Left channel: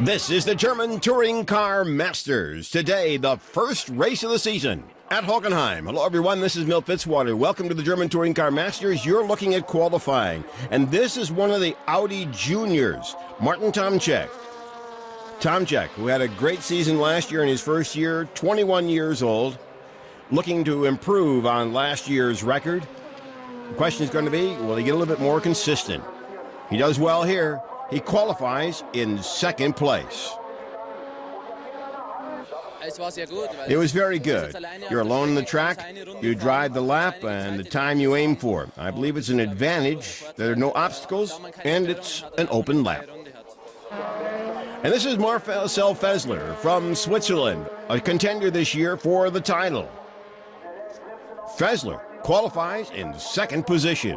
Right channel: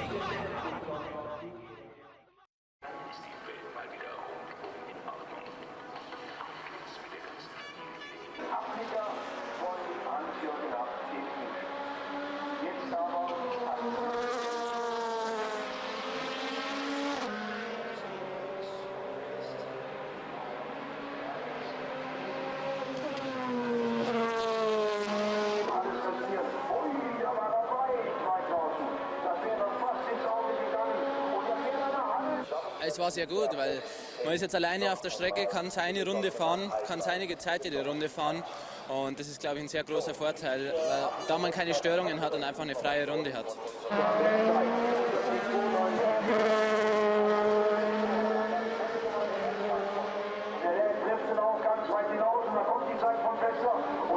This is the German Touring Car Masters. Today, the first race of the season at Hockenheim. Hello, everyone. This is Milt Fitzwater. Welcome to the German Touring Car Masters. You're looking at qualifying. And this is one of the Audi juniors, Martin Tomczyk. Tomczyk, who had a great season last year in his first year, 21 years old, looking to improve on last year's record. The question is going to be, will he get a little bit more consistent? He does well here. He qualifies in second place. It was very good. You're alone on the track, you drive the lap and the time you aim for. I believe it's an advantage. There are no obstacles, and it's an open lap. And this is Marcel FÄSSLER from Switzerland, a contender this year for the title. FÄSSLER qualifies in second position.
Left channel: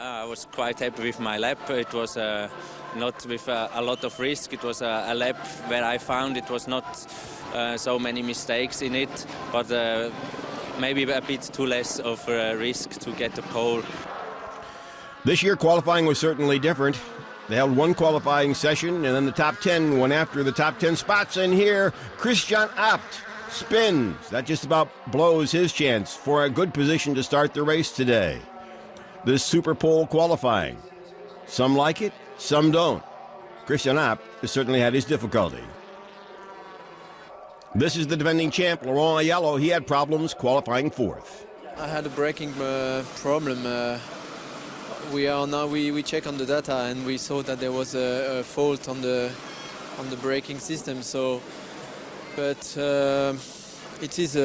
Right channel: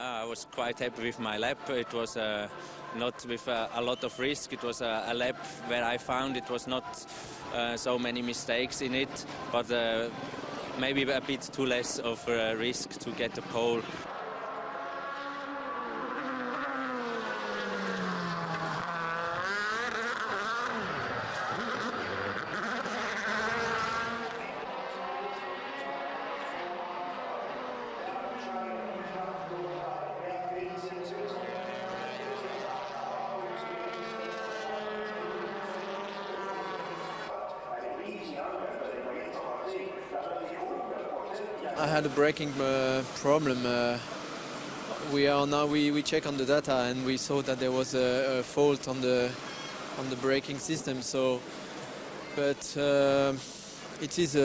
I was quite happy with my lap. It was not with a lot of risk. It was a lap where I found it was not so many mistakes in it, but maybe a bit too less of risk to get the pole. This year qualifying was certainly different. They held one qualifying session, and then the top 10 went after the top 10 spots. And here, Christijan spins. That just about blows his chance for a good position to start the race today. This super pole qualifying. Some like it, some don't. Christijan has certainly had his difficulty. This is the defending champ, Laurent Aiello. He had problems qualifying fourth. I had a braking problem. We check on the data and we saw that there was a fault on the braking system. So, but it is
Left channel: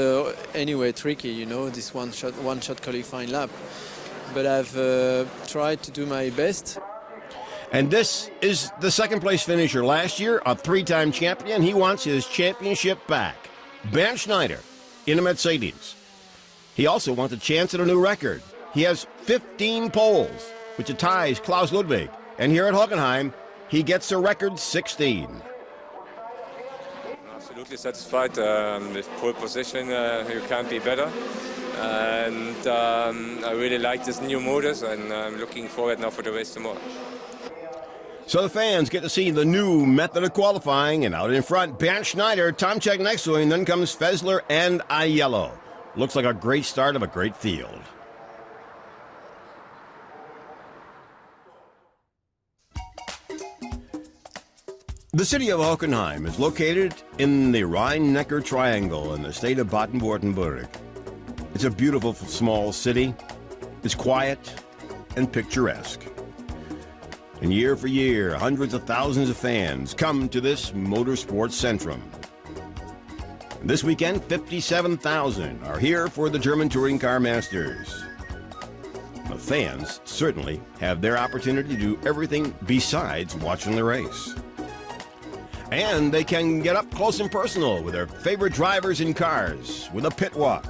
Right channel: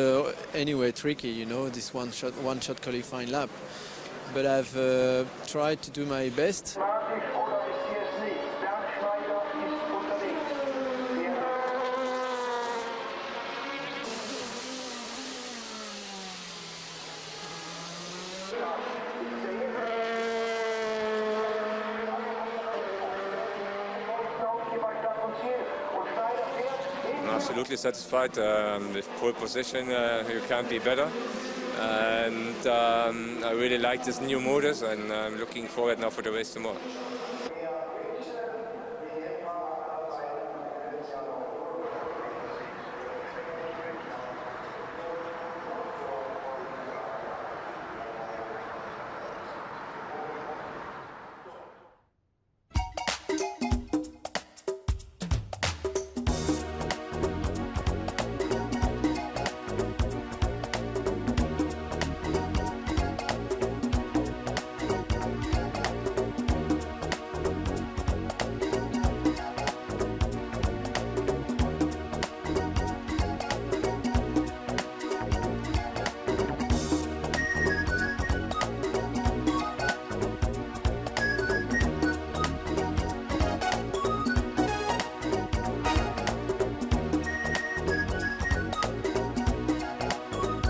anyway tricky, you know, this one shot qualifying lap. But I've tried to do my best. And this is the second place finisher last year, a three-time champion. He wants his championship back. Bernd Schneider in a Mercedes. He also wants a chance at a new record. He has 15 poles, which ties Klaus Ludwig. And here at Hockenheim, he gets a record 16. I'm absolutely satisfied with pole position. You can't be better. And I really like this new motors, and I'm looking forward now for the race tomorrow. So the fans get to see the new method of qualifying, and out in front, Bernd Schneider, Tomczyk next to him, then comes FÄSSLER and Aiello. Looks like a great start of a great field. The city of Hockenheim is located in the Rhine-Neckar Triangle in the state of Baden-Württemberg. It's a beautiful small city. It's quiet and picturesque. And year for year, hundreds of thousands of fans come to this motorsports centrum. This weekend, 57,000 are here for the German Touring Car Masters. The fans certainly have their opportunity to do everything besides watching the race. And they can get up close and personal with their favorite drivers and cars with a pit walk.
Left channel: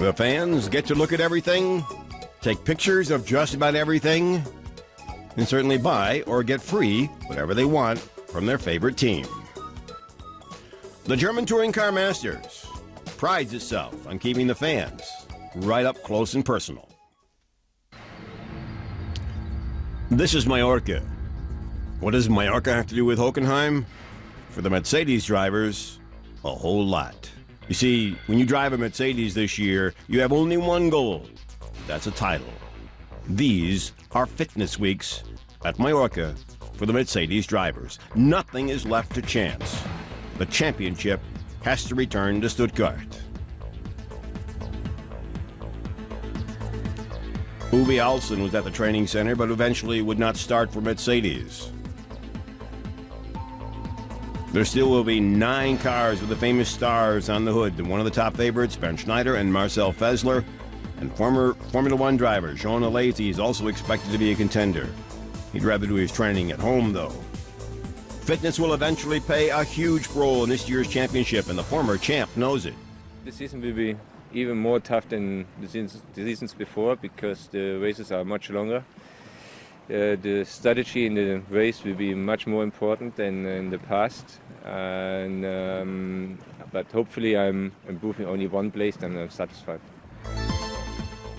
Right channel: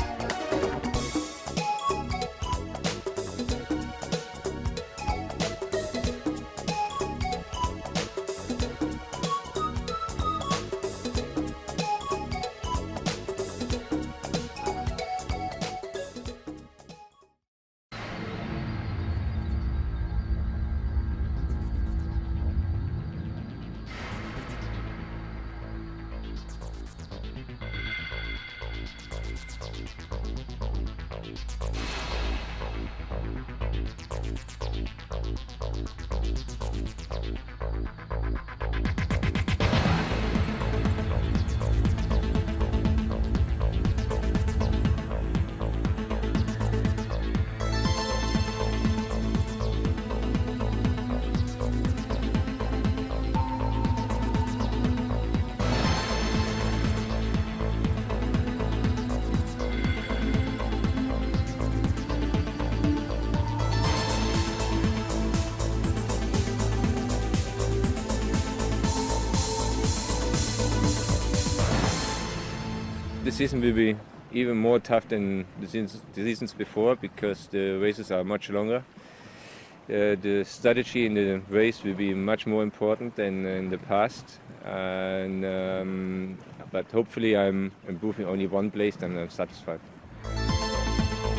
The fans get to look at everything, take pictures of just about everything, and certainly buy or get free whatever they want from their favorite team. The German Touring Car Masters prides itself on keeping the fans right up close and personal. This is Mallorca. What does Mallorca have to do with Hockenheim? For the Mercedes drivers, a whole lot. You see, when you drive a Mercedes this year, you have only one goal. That's a title. These are fitness weeks at Mallorca for the Mercedes drivers. Nothing is left to chance. The championship has to return to Stuttgart. Uwe Alsen was at the training center, but eventually would not start for Mercedes. There still will be 9 cars with the famous stars on the hood, and one of the top favorites, Bernd Schneider and Marcel FÄSSLER, and former Formula One driver Sean ALESI is also expected to be a contender. He'd rather do his training at home, though. Fitness will eventually play a huge role in this year's championship, and the former champ knows it. The season will be even more tough than the seasons before, because the races are much longer. the strategy in the race will be much more important than in the past. But hopefully I'm improving only one place and I'm satisfied.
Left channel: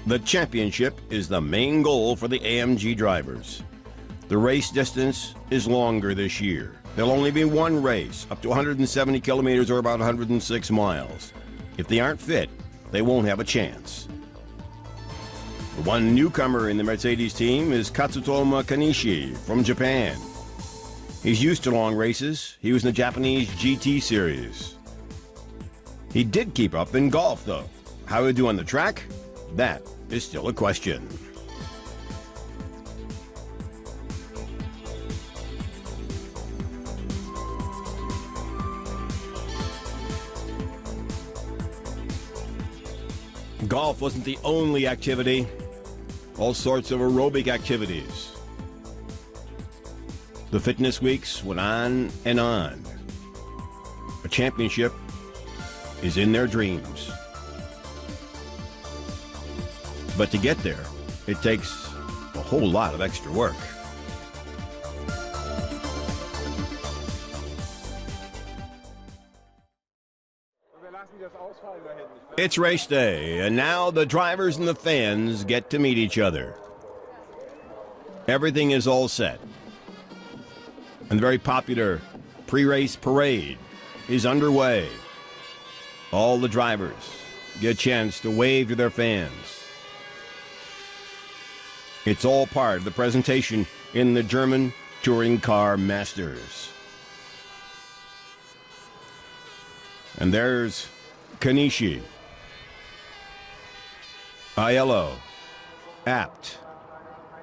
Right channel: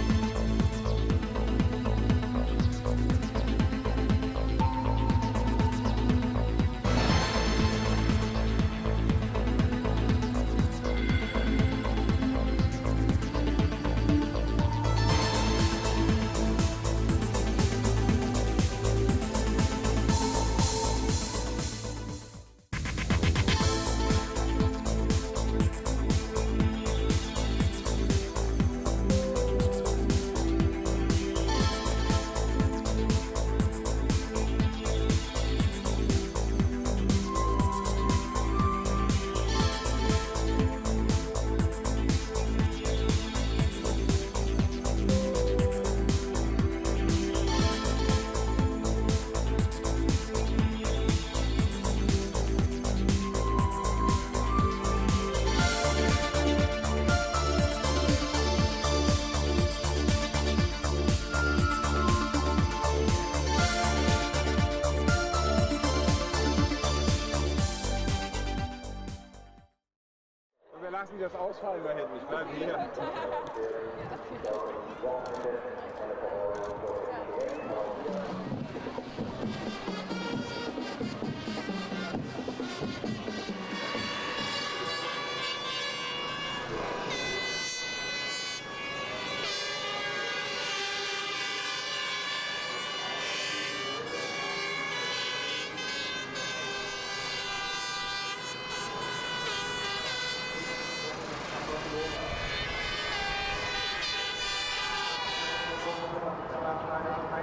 The championship is the main goal for the AMG drivers. The race distance is longer this year. There'll only be one race, up to 170 kilometers or about 106 miles. If they aren't fit, they won't have a chance. One newcomer in the Mercedes team is Katsutoma Kanishi from Japan. He's used to long races. He was in the Japanese GT series. He did keep up in golf, though. How he'll do on the track? That is still a question. Golf wasn't the only activity. All sorts of aerobic activities. The fitness weeks went on and on. A championship is in their dreams. But to get there, it takes a whole lot of extra work. It's race day, and now the drivers and the fans get to meet each other. Everything is all set. And the very popular pre-race parade is underway. All the drivers get a chance to wave to their fans. It's all part of the presentation in the German Touring Car Masters. And there's Kanishi, Aiello, Abt.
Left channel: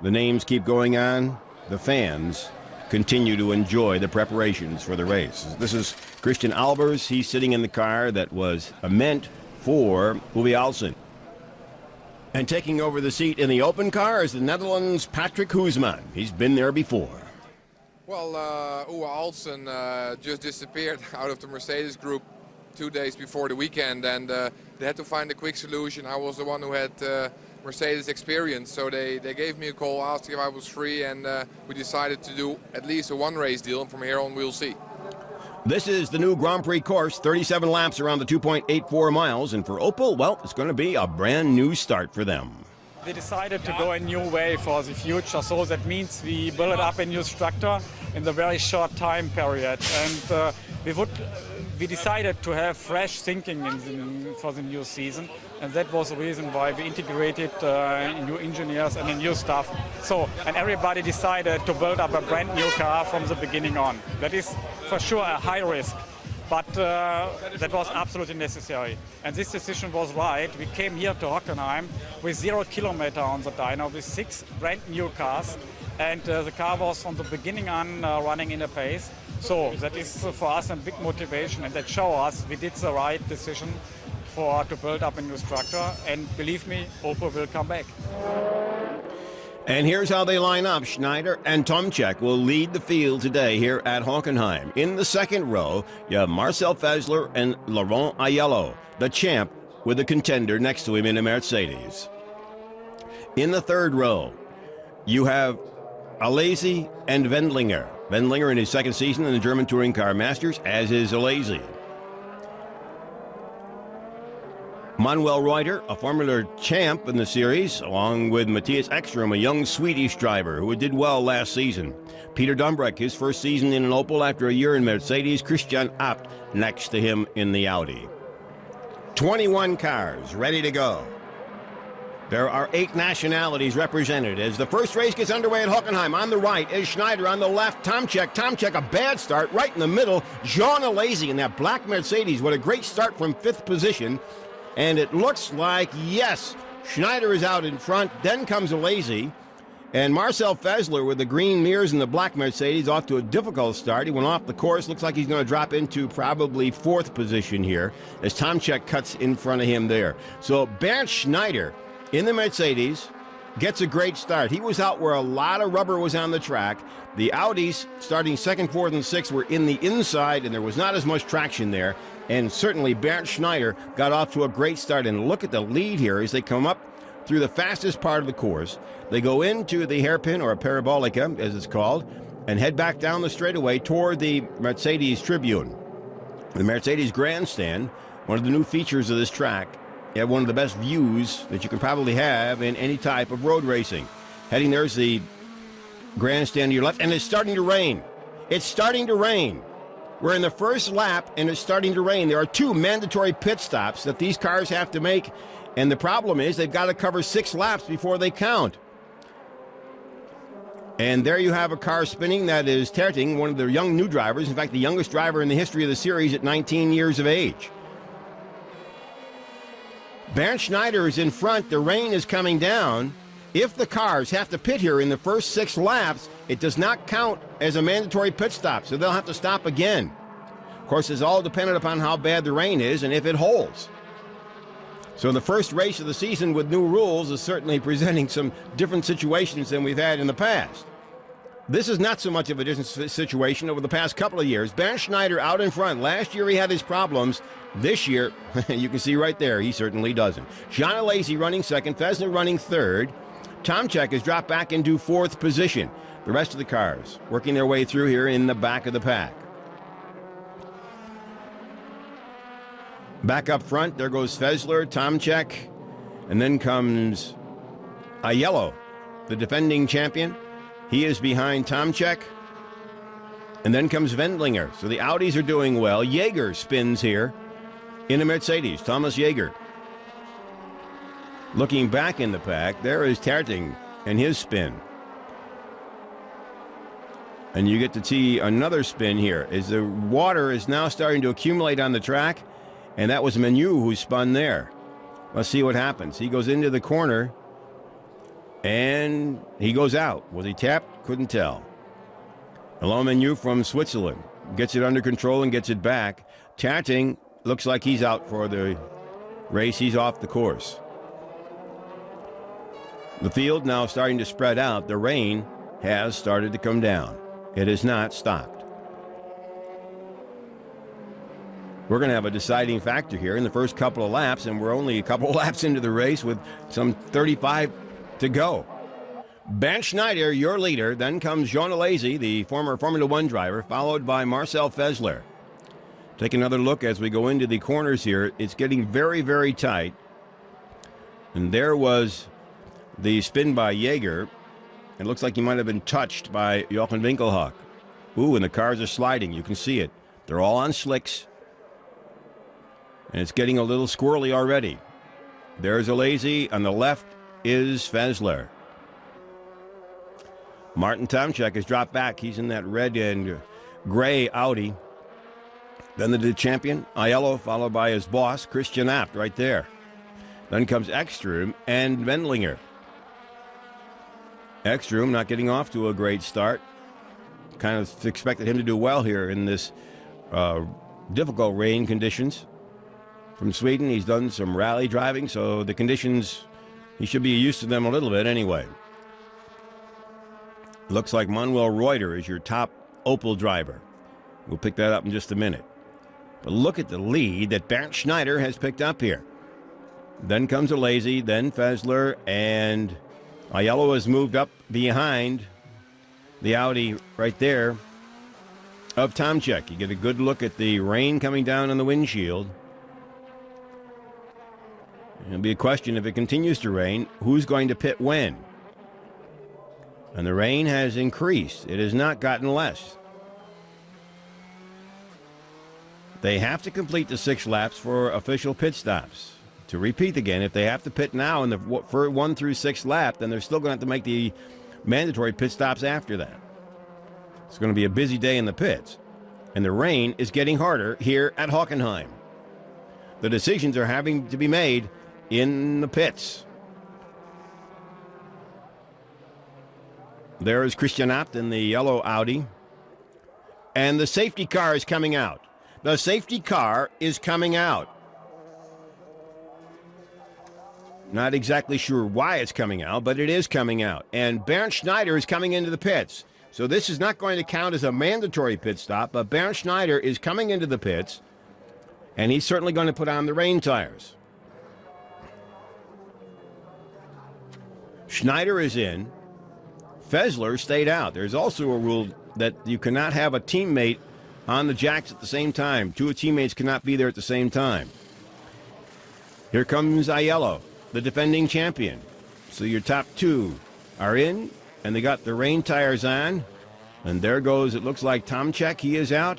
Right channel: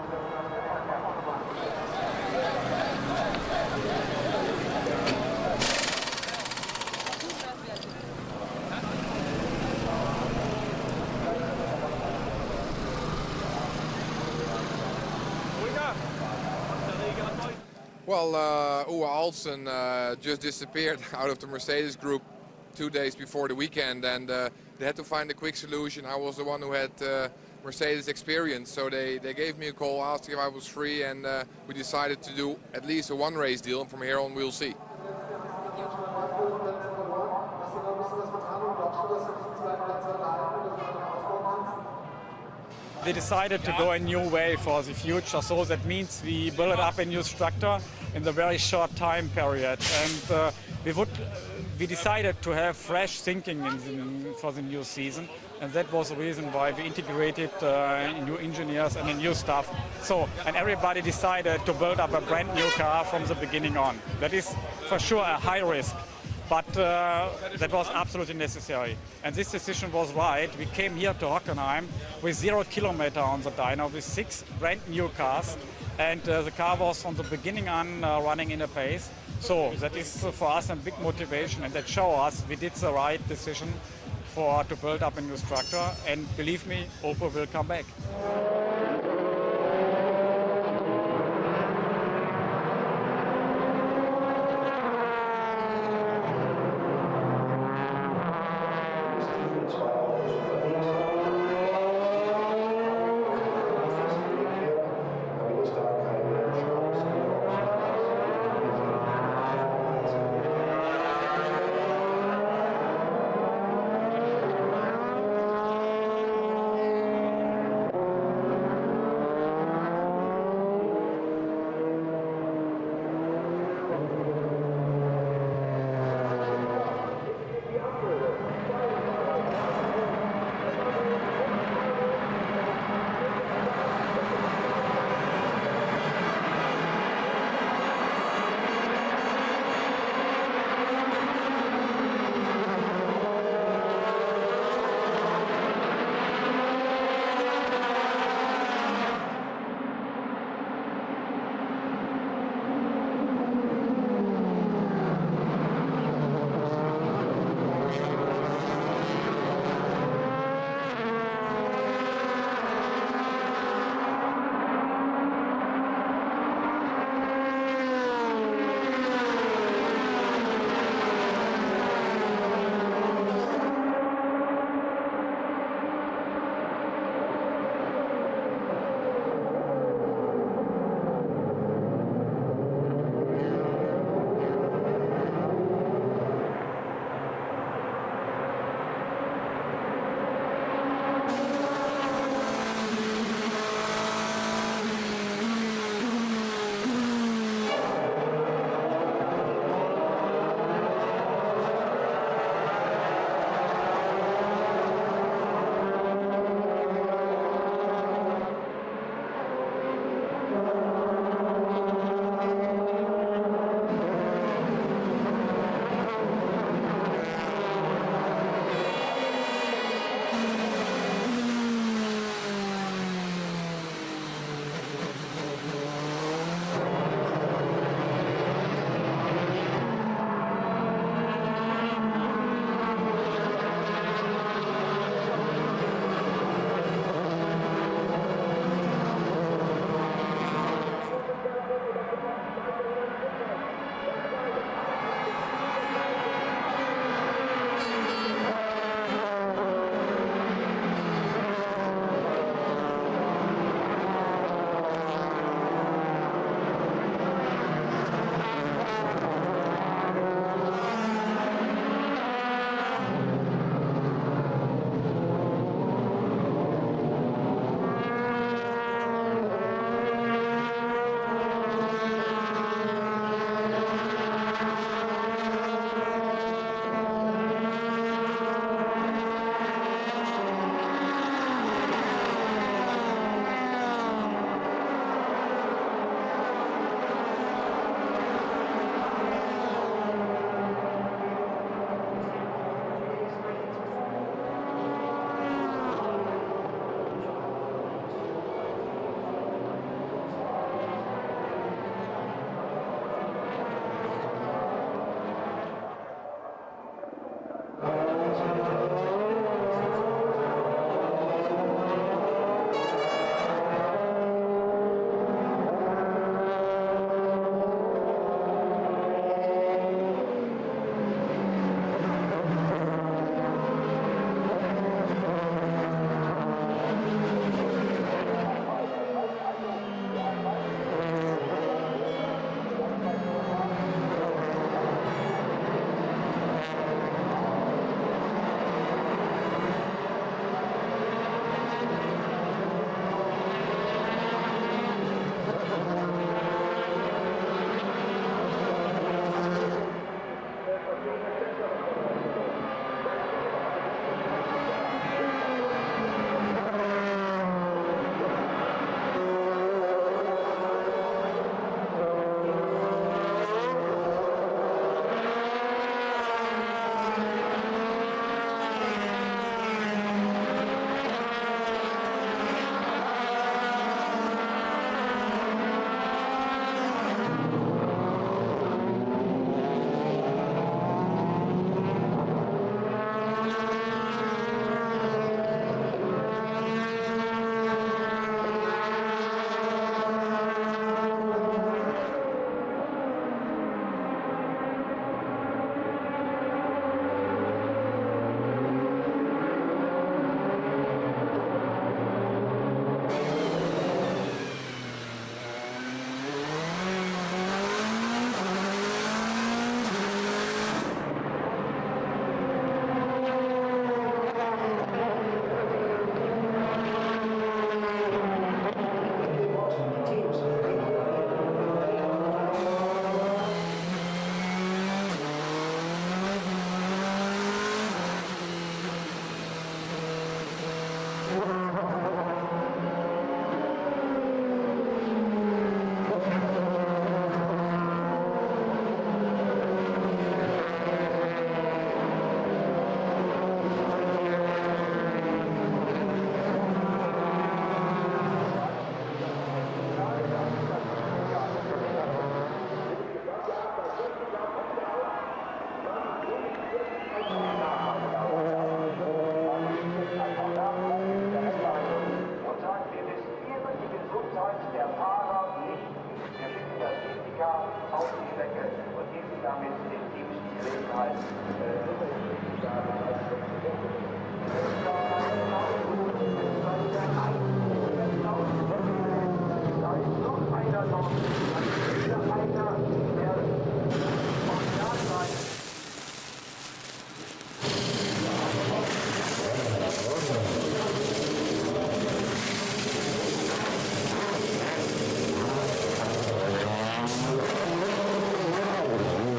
The names keep going on. The fans continue to enjoy the preparations for the race. This is Christijan ALBERS. He's sitting in the car that was meant for Uwe Alsen. And taking over the seat in the open car is the Netherlands' Patrick HUISMAN. He's been there before. Well, Uwe Alsen just disappeared out of the Mercedes group 2 days before the weekend, and they had to find a quick solution. I was the one who had Mercedes experience, so they gave me a call, asked if I was free, and we decided to do at least a one race deal, and from here on we'll see. This is the new Grand Prix course, 37 laps around the 2.84 miles, and for Opel, well, it's going to be a brand new start for them. We decided to go a new way for the future, so that means we build up a new structure in the very short time period, and we decided to have fresh thinking for the new season, and that was the reason why we integrated new engineers and a new staff. So, and everybody decided to build up a brand new car from the beginning on. That is for sure a high risk, but that was absolutely necessary. And this decision was right. We came here to Hockenheim with 0 kilometer on the dyno with 6 brand new cars, and the car was from the beginning on running in a pace. So that is for us a big motivation, and that shows us we did the right decision to build up a new structure, and believe me, Opel will come back. And here's how they line up. Schneider and Tomczyk will lead the field today here at Hockenheim. In the second row, you have Marcel FÄSSLER and Laurent Aiello, the champ with a contender next to him in a Mercedes. In the third row, you have ALESI and Wendlinger. Wendlinger in his second season in the German Touring Car Masters, as is ALESI. Manuel REUTER, a Formula champ in the series, along with Matthias Ekstrom, a young Swedish driver who did well last season. Peter Dumbrek, his first season in an Opel after a year in Mercedes. Christijan Abt next to him in the Audi. 21 cars ready to go. There are 8 nationalities represented as the first race gets underway at Hockenheim. On the right is Schneider, on the left Tomczyk. Tomczyk, a bad start right in the middle. Jean ALESI in that black Mercedes. What a great start from 5th position. And it looks like, yes, Schneider is out in front. Then comes ALESI. And Marcel FÄSSLER with the green mirrors and the black Mercedes off to a difficult start. He went off the course. Looks like he's going to drop into probably 4th position here as Tomczyk cuts in front of him there. So Bernd Schneider in the Mercedes gets a great start. He was out where a lot of rubber was on the track. The Audis starting 2nd, 4th, and 6th were in the inside, and there was not as much traction there. And certainly Bernd Schneider got off to a great start. And look at the lead here as they come up through the fastest part of the course. They go into the hairpin, or parabolica, as it's called, and head back down the straightaway toward the Mercedes Tribune. The Mercedes Grandstand, one of the new features of this track. You have one of the best views that you could probably have in any type of road racing. Heading there's the grandstand to your left, and it's starting to rain. It's starting to rain. We're in the first lap, and it's starting to rain. There are 2 mandatory pit stops that these cars have to make, and the problem is they've got to cover 6 laps before they count. And there you have a car spinning. That is Terting, one of the young new drivers, in fact, the youngest driver in the history of the series at 19 years of age. Bernd Schneider is in front. The rain is coming down. If the cars have to pit here in the first 6 laps, it does not count as a mandatory pit stop, so they'll have to stop again. Of course, it's all dependent upon how bad the rain is and if it holds. So the first race of the season with new rules is certainly presenting some different situations than we've had in the past. This is not so much of a different situation over the past couple of years. Bernd Schneider out in front. Last year he had his problems. This year, you can see right there, he certainly doesn't. John ALESI running second, FÄSSLER running third. Tomczyk has dropped back into 4th position. The rest of the cars working their way through here in the back of the pack. Back up front, there goes FÄSSLER, Tomczyk, and then comes Aiello, the defending champion. He is behind Tomczyk. And then comes Wendlinger. So the Audis are doing well. Jaeger spins here in a Mercedes. Thomas Jaeger. Looking back in the pack, there is Terting and his spin. And you get to see another spin here as the water is now starting to accumulate on the track. And that was Manuel who spun there. Let's see what happens. He goes into the corner. And he goes out. Was he tapped? Couldn't tell. Hello, Manuel from Switzerland. Gets it under control and gets it back. Terting looks like he's out for the race. He's off the course. The field now starting to spread out. The rain has started to come down. It has not stopped. We're going to have a deciding factor here in the first couple of laps, and we're only a couple of laps into the race with some 35 to go. Bernd Schneider, your leader. Then comes John ALESI, the former Formula One driver, followed by Marcel FÄSSLER. Take another look as we go into the corners here. It's getting very, very tight. And there was the spin by Jaeger. It looks like he might have been touched by Jochen Winkelhock. Ooh, and the cars are sliding. You can see it. They're all on slicks. And it's getting a little squirrely already. There's ALESI. On the left is FÄSSLER. Martin Tomczyk has dropped back. He's in that red and gray Audi. Then the champion, Aiello, followed by his boss, Christijan right there. Then comes Ekstrom and Wendlinger. Ekstrom not getting off to a great start. Kind of expected him to do well here in this difficult rain conditions. From Sweden, he's done some rally driving, so the conditions, he should be used to them a little bit anyway. Looks like Manuel REUTER is your top Opel driver. We'll pick that up in just a minute. But look at the lead that Bernd Schneider has picked up here. Then comes ALESI, then FÄSSLER, and Aiello has moved up behind the Audi right there of Tomczyk. You get a good look at the rain coming down on the windshield. It'll be a question, if it continues to rain, who's going to pit when? And the rain has increased. It has not gotten less. They have to complete the 6 laps for official pit stops. To repeat again, if they have to pit now in the 1 through 6 lap, then they're still going to have to make the mandatory pit stops after that. It's going to be a busy day in the pits. And the rain is getting harder here at Hockenheim. The decisions are having to be made in the pits. There is Christijan in the yellow Audi. And the safety car is coming out. The safety car is coming out. Not exactly sure why it's coming out, but it is coming out. And Bernd Schneider is coming into the pits. So this is not going to count as a mandatory pit stop, but Bernd Schneider is coming into the pits, and he's certainly going to put on the rain tires. Schneider is in. FÄSSLER stayed out. There's also a rule that you cannot have a teammate on the jacks at the same time. Two teammates cannot be there at the same time. Here comes Aiello, the defending champion. So your top two are in, and they got the rain tires on. And there goes, it looks like Tomczyk, he is out.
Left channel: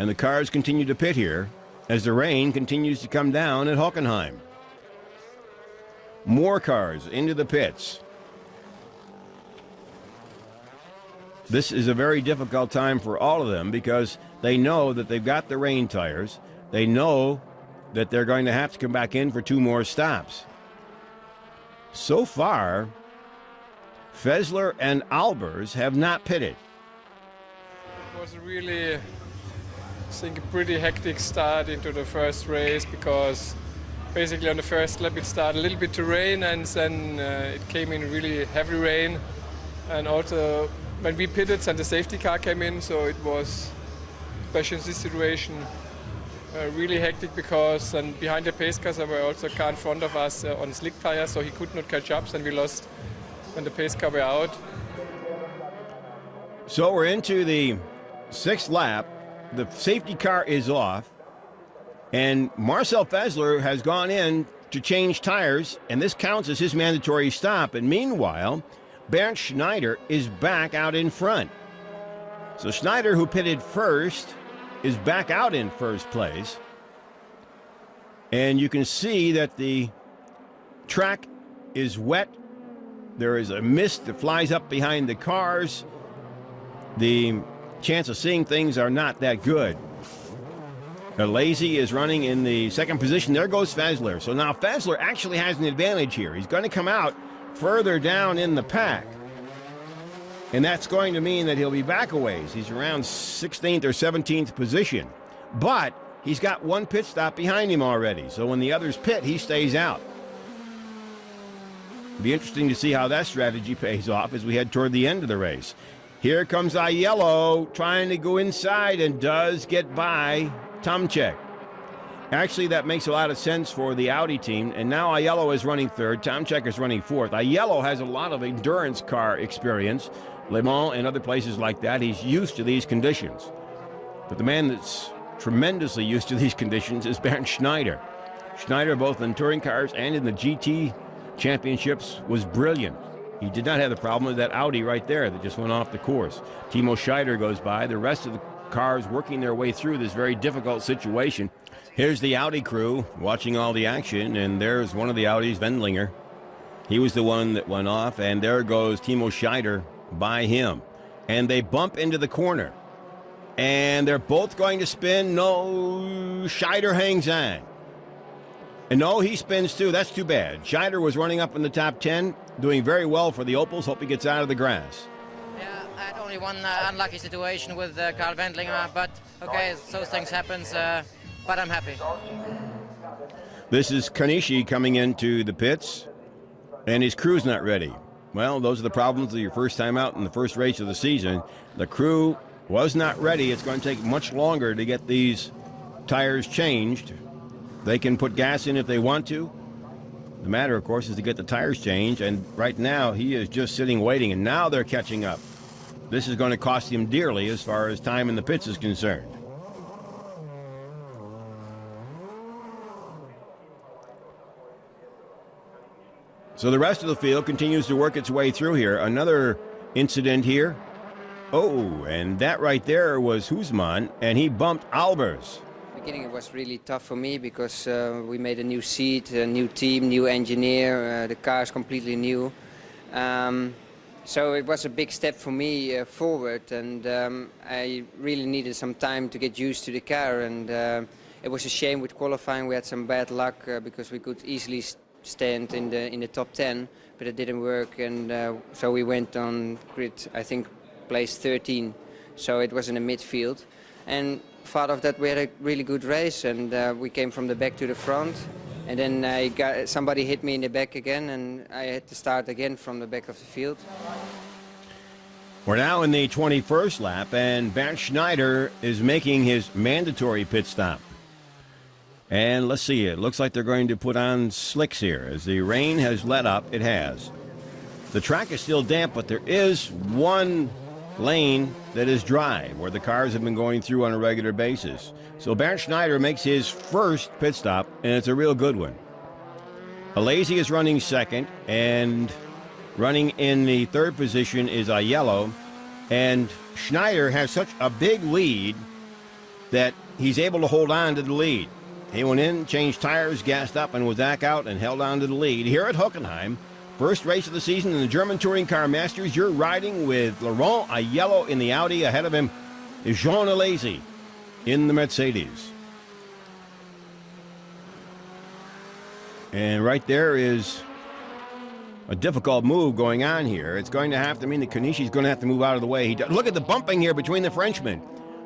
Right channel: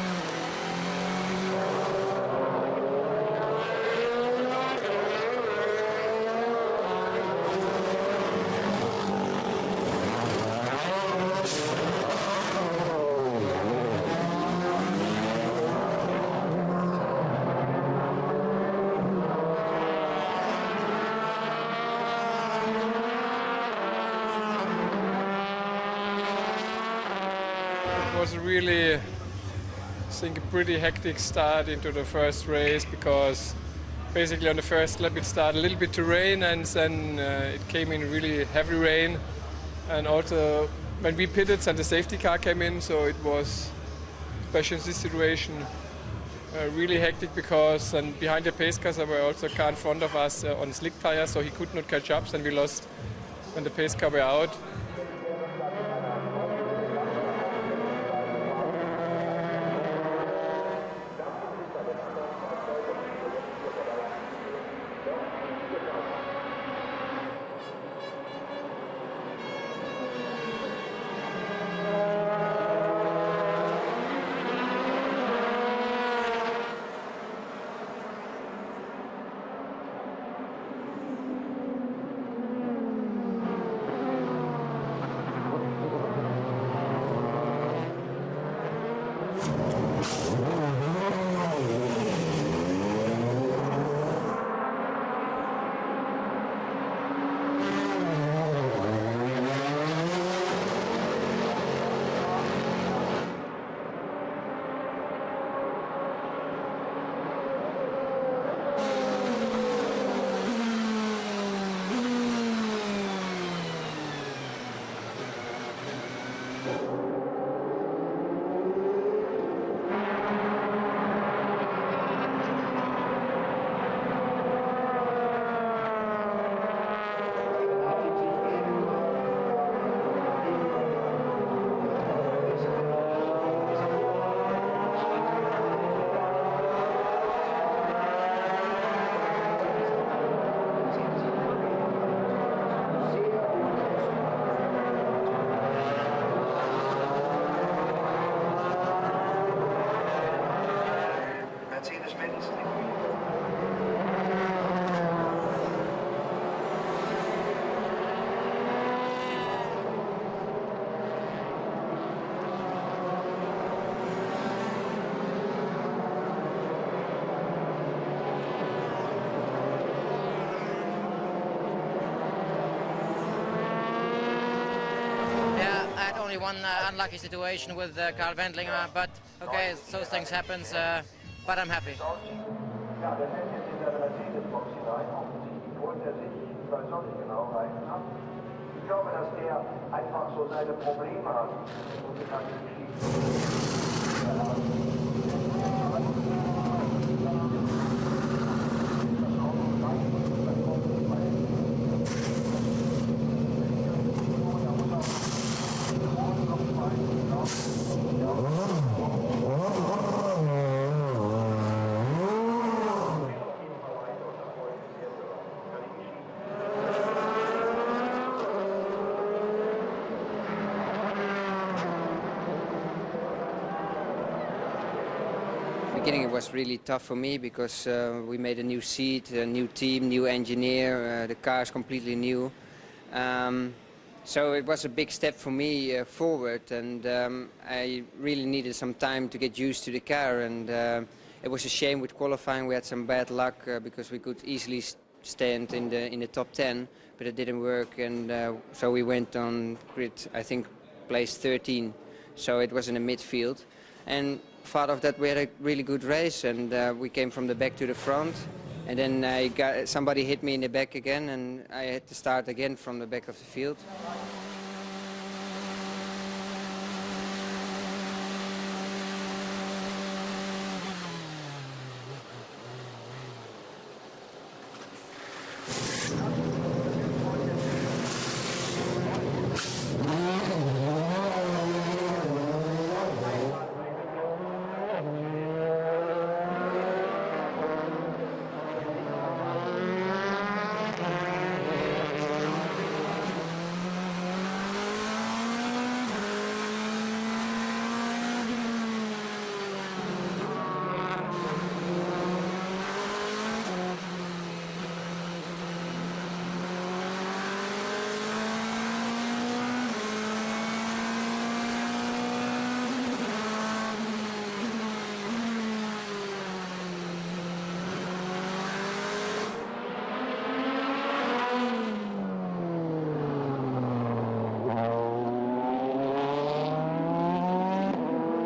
And the cars continue to pit here as the rain continues to come down at Hockenheim. More cars into the pits. This is a very difficult time for all of them because they know that they've got the rain tires. They know that they're going to have to come back in for 2 more stops. So far, FÄSSLER and ALBERS have not pitted. It was really, I think, a pretty hectic start into the first race because basically on the first lap it started a little bit to rain and then it came in really heavy rain. And also when we pitted, then the safety car came in, so it was, especially in this situation, really hectic because then behind the pace cars there were also a car in front of us on slick tires, so he could not catch up, and we lost when the pace car were out. So we're into the 6th lap. The safety car is off, and Marcel FÄSSLER has gone in to change tires, and this counts as his mandatory stop. And meanwhile, Bernd Schneider is back out in front. So Schneider, who pitted first, is back out in first place. And you can see that the track is wet. There is a mist that flies up behind the cars. The chance of seeing things are not that good. ALESI is running in the 2nd position. There goes FÄSSLER. So now FÄSSLER actually has an advantage here. He's going to come out further down in the pack. And that's going to mean that he'll be back a ways. He's around 16th or 17th position. But he's got 1 pit stop behind him already. So when the others pit, he stays out. It'll be interesting to see how that strategy pays off as we head toward the end of the race. Here comes Aiello trying to go inside and does get by Tomczyk. Actually, that makes a lot of sense for the Audi team. And now Aiello is running 3rd. Tomczyk is running 4th. Aiello has a lot of endurance car experience. Le Mans and other places like that. He's used to these conditions. But the man that's tremendously used to these conditions is Bernd Schneider. Schneider, both in touring cars and in the GT championships, was brilliant. He did not have the problem with that Audi right there that just went off the course. Timo Scheider goes by. The rest of the cars working their way through this very difficult situation. Here's the Audi crew watching all the action, and there's one of the Audis, Wendlinger. He was the one that went off, and there goes Timo Scheider by him. And they bump into the corner. And they're both going to spin. No, Scheider hangs on. And no, he spins too. That's too bad. Scheider was running up in the top 10, doing very well for the Opels. Hope he gets out of the grass. Yeah, I had only one unlucky situation with Carl Wendlinger, but okay, those things happen, but I'm happy. This is Kanishi coming into the pits, and his crew's not ready. Well, those are the problems of your first time out in the first race of the season. The crew was not ready. It's going to take much longer to get these tires changed. They can put gas in if they want to. The matter, of course, is to get the tires changed, and right now he is just sitting waiting, and now they're catching up. This is going to cost him dearly as far as time in the pits is concerned. So the rest of the field continues to work its way through here. Another incident here. Oh, and that right there was HUISMAN, and he bumped ALBERS. Beginning it was really tough for me because we made a new seat, a new team, new engineer, the car is completely new. So it was a big step for me forward, and I really needed some time to get used to the car, and it was a shame with qualifying. We had some bad luck because we could easily stand in the top 10, but it didn't work, and so we went on grid, I think, place 13, so it was in the midfield. And part of that we had a really good race, and we came from the back to the front, and then somebody hit me in the back again, and I had to start again from the back of the field. We're now in the 21st lap, and Bernd Schneider is making his mandatory pit stop. And let's see, it looks like they're going to put on slicks here. As the rain has let up, it has. The track is still damp, but there is one lane that is dry, where the cars have been going through on a regular basis. So Bernd Schneider makes his first pit stop, and it's a real good one. ALESI is running second, and running in the third position is Aiello. And Schneider has such a big lead that he's able to hold on to the lead. He went in, changed tires, gassed up, and was back out and held on to the lead. Here at Hockenheim, first race of the season in the German Touring Car Masters, you're riding with Laurent Aiello in the Audi. Ahead of him is Jean ALESI in the Mercedes. And right there is a difficult move going on here. It's going to have to mean that Kanishi's going to have to move out of the way. Look at the bumping here between the Frenchmen.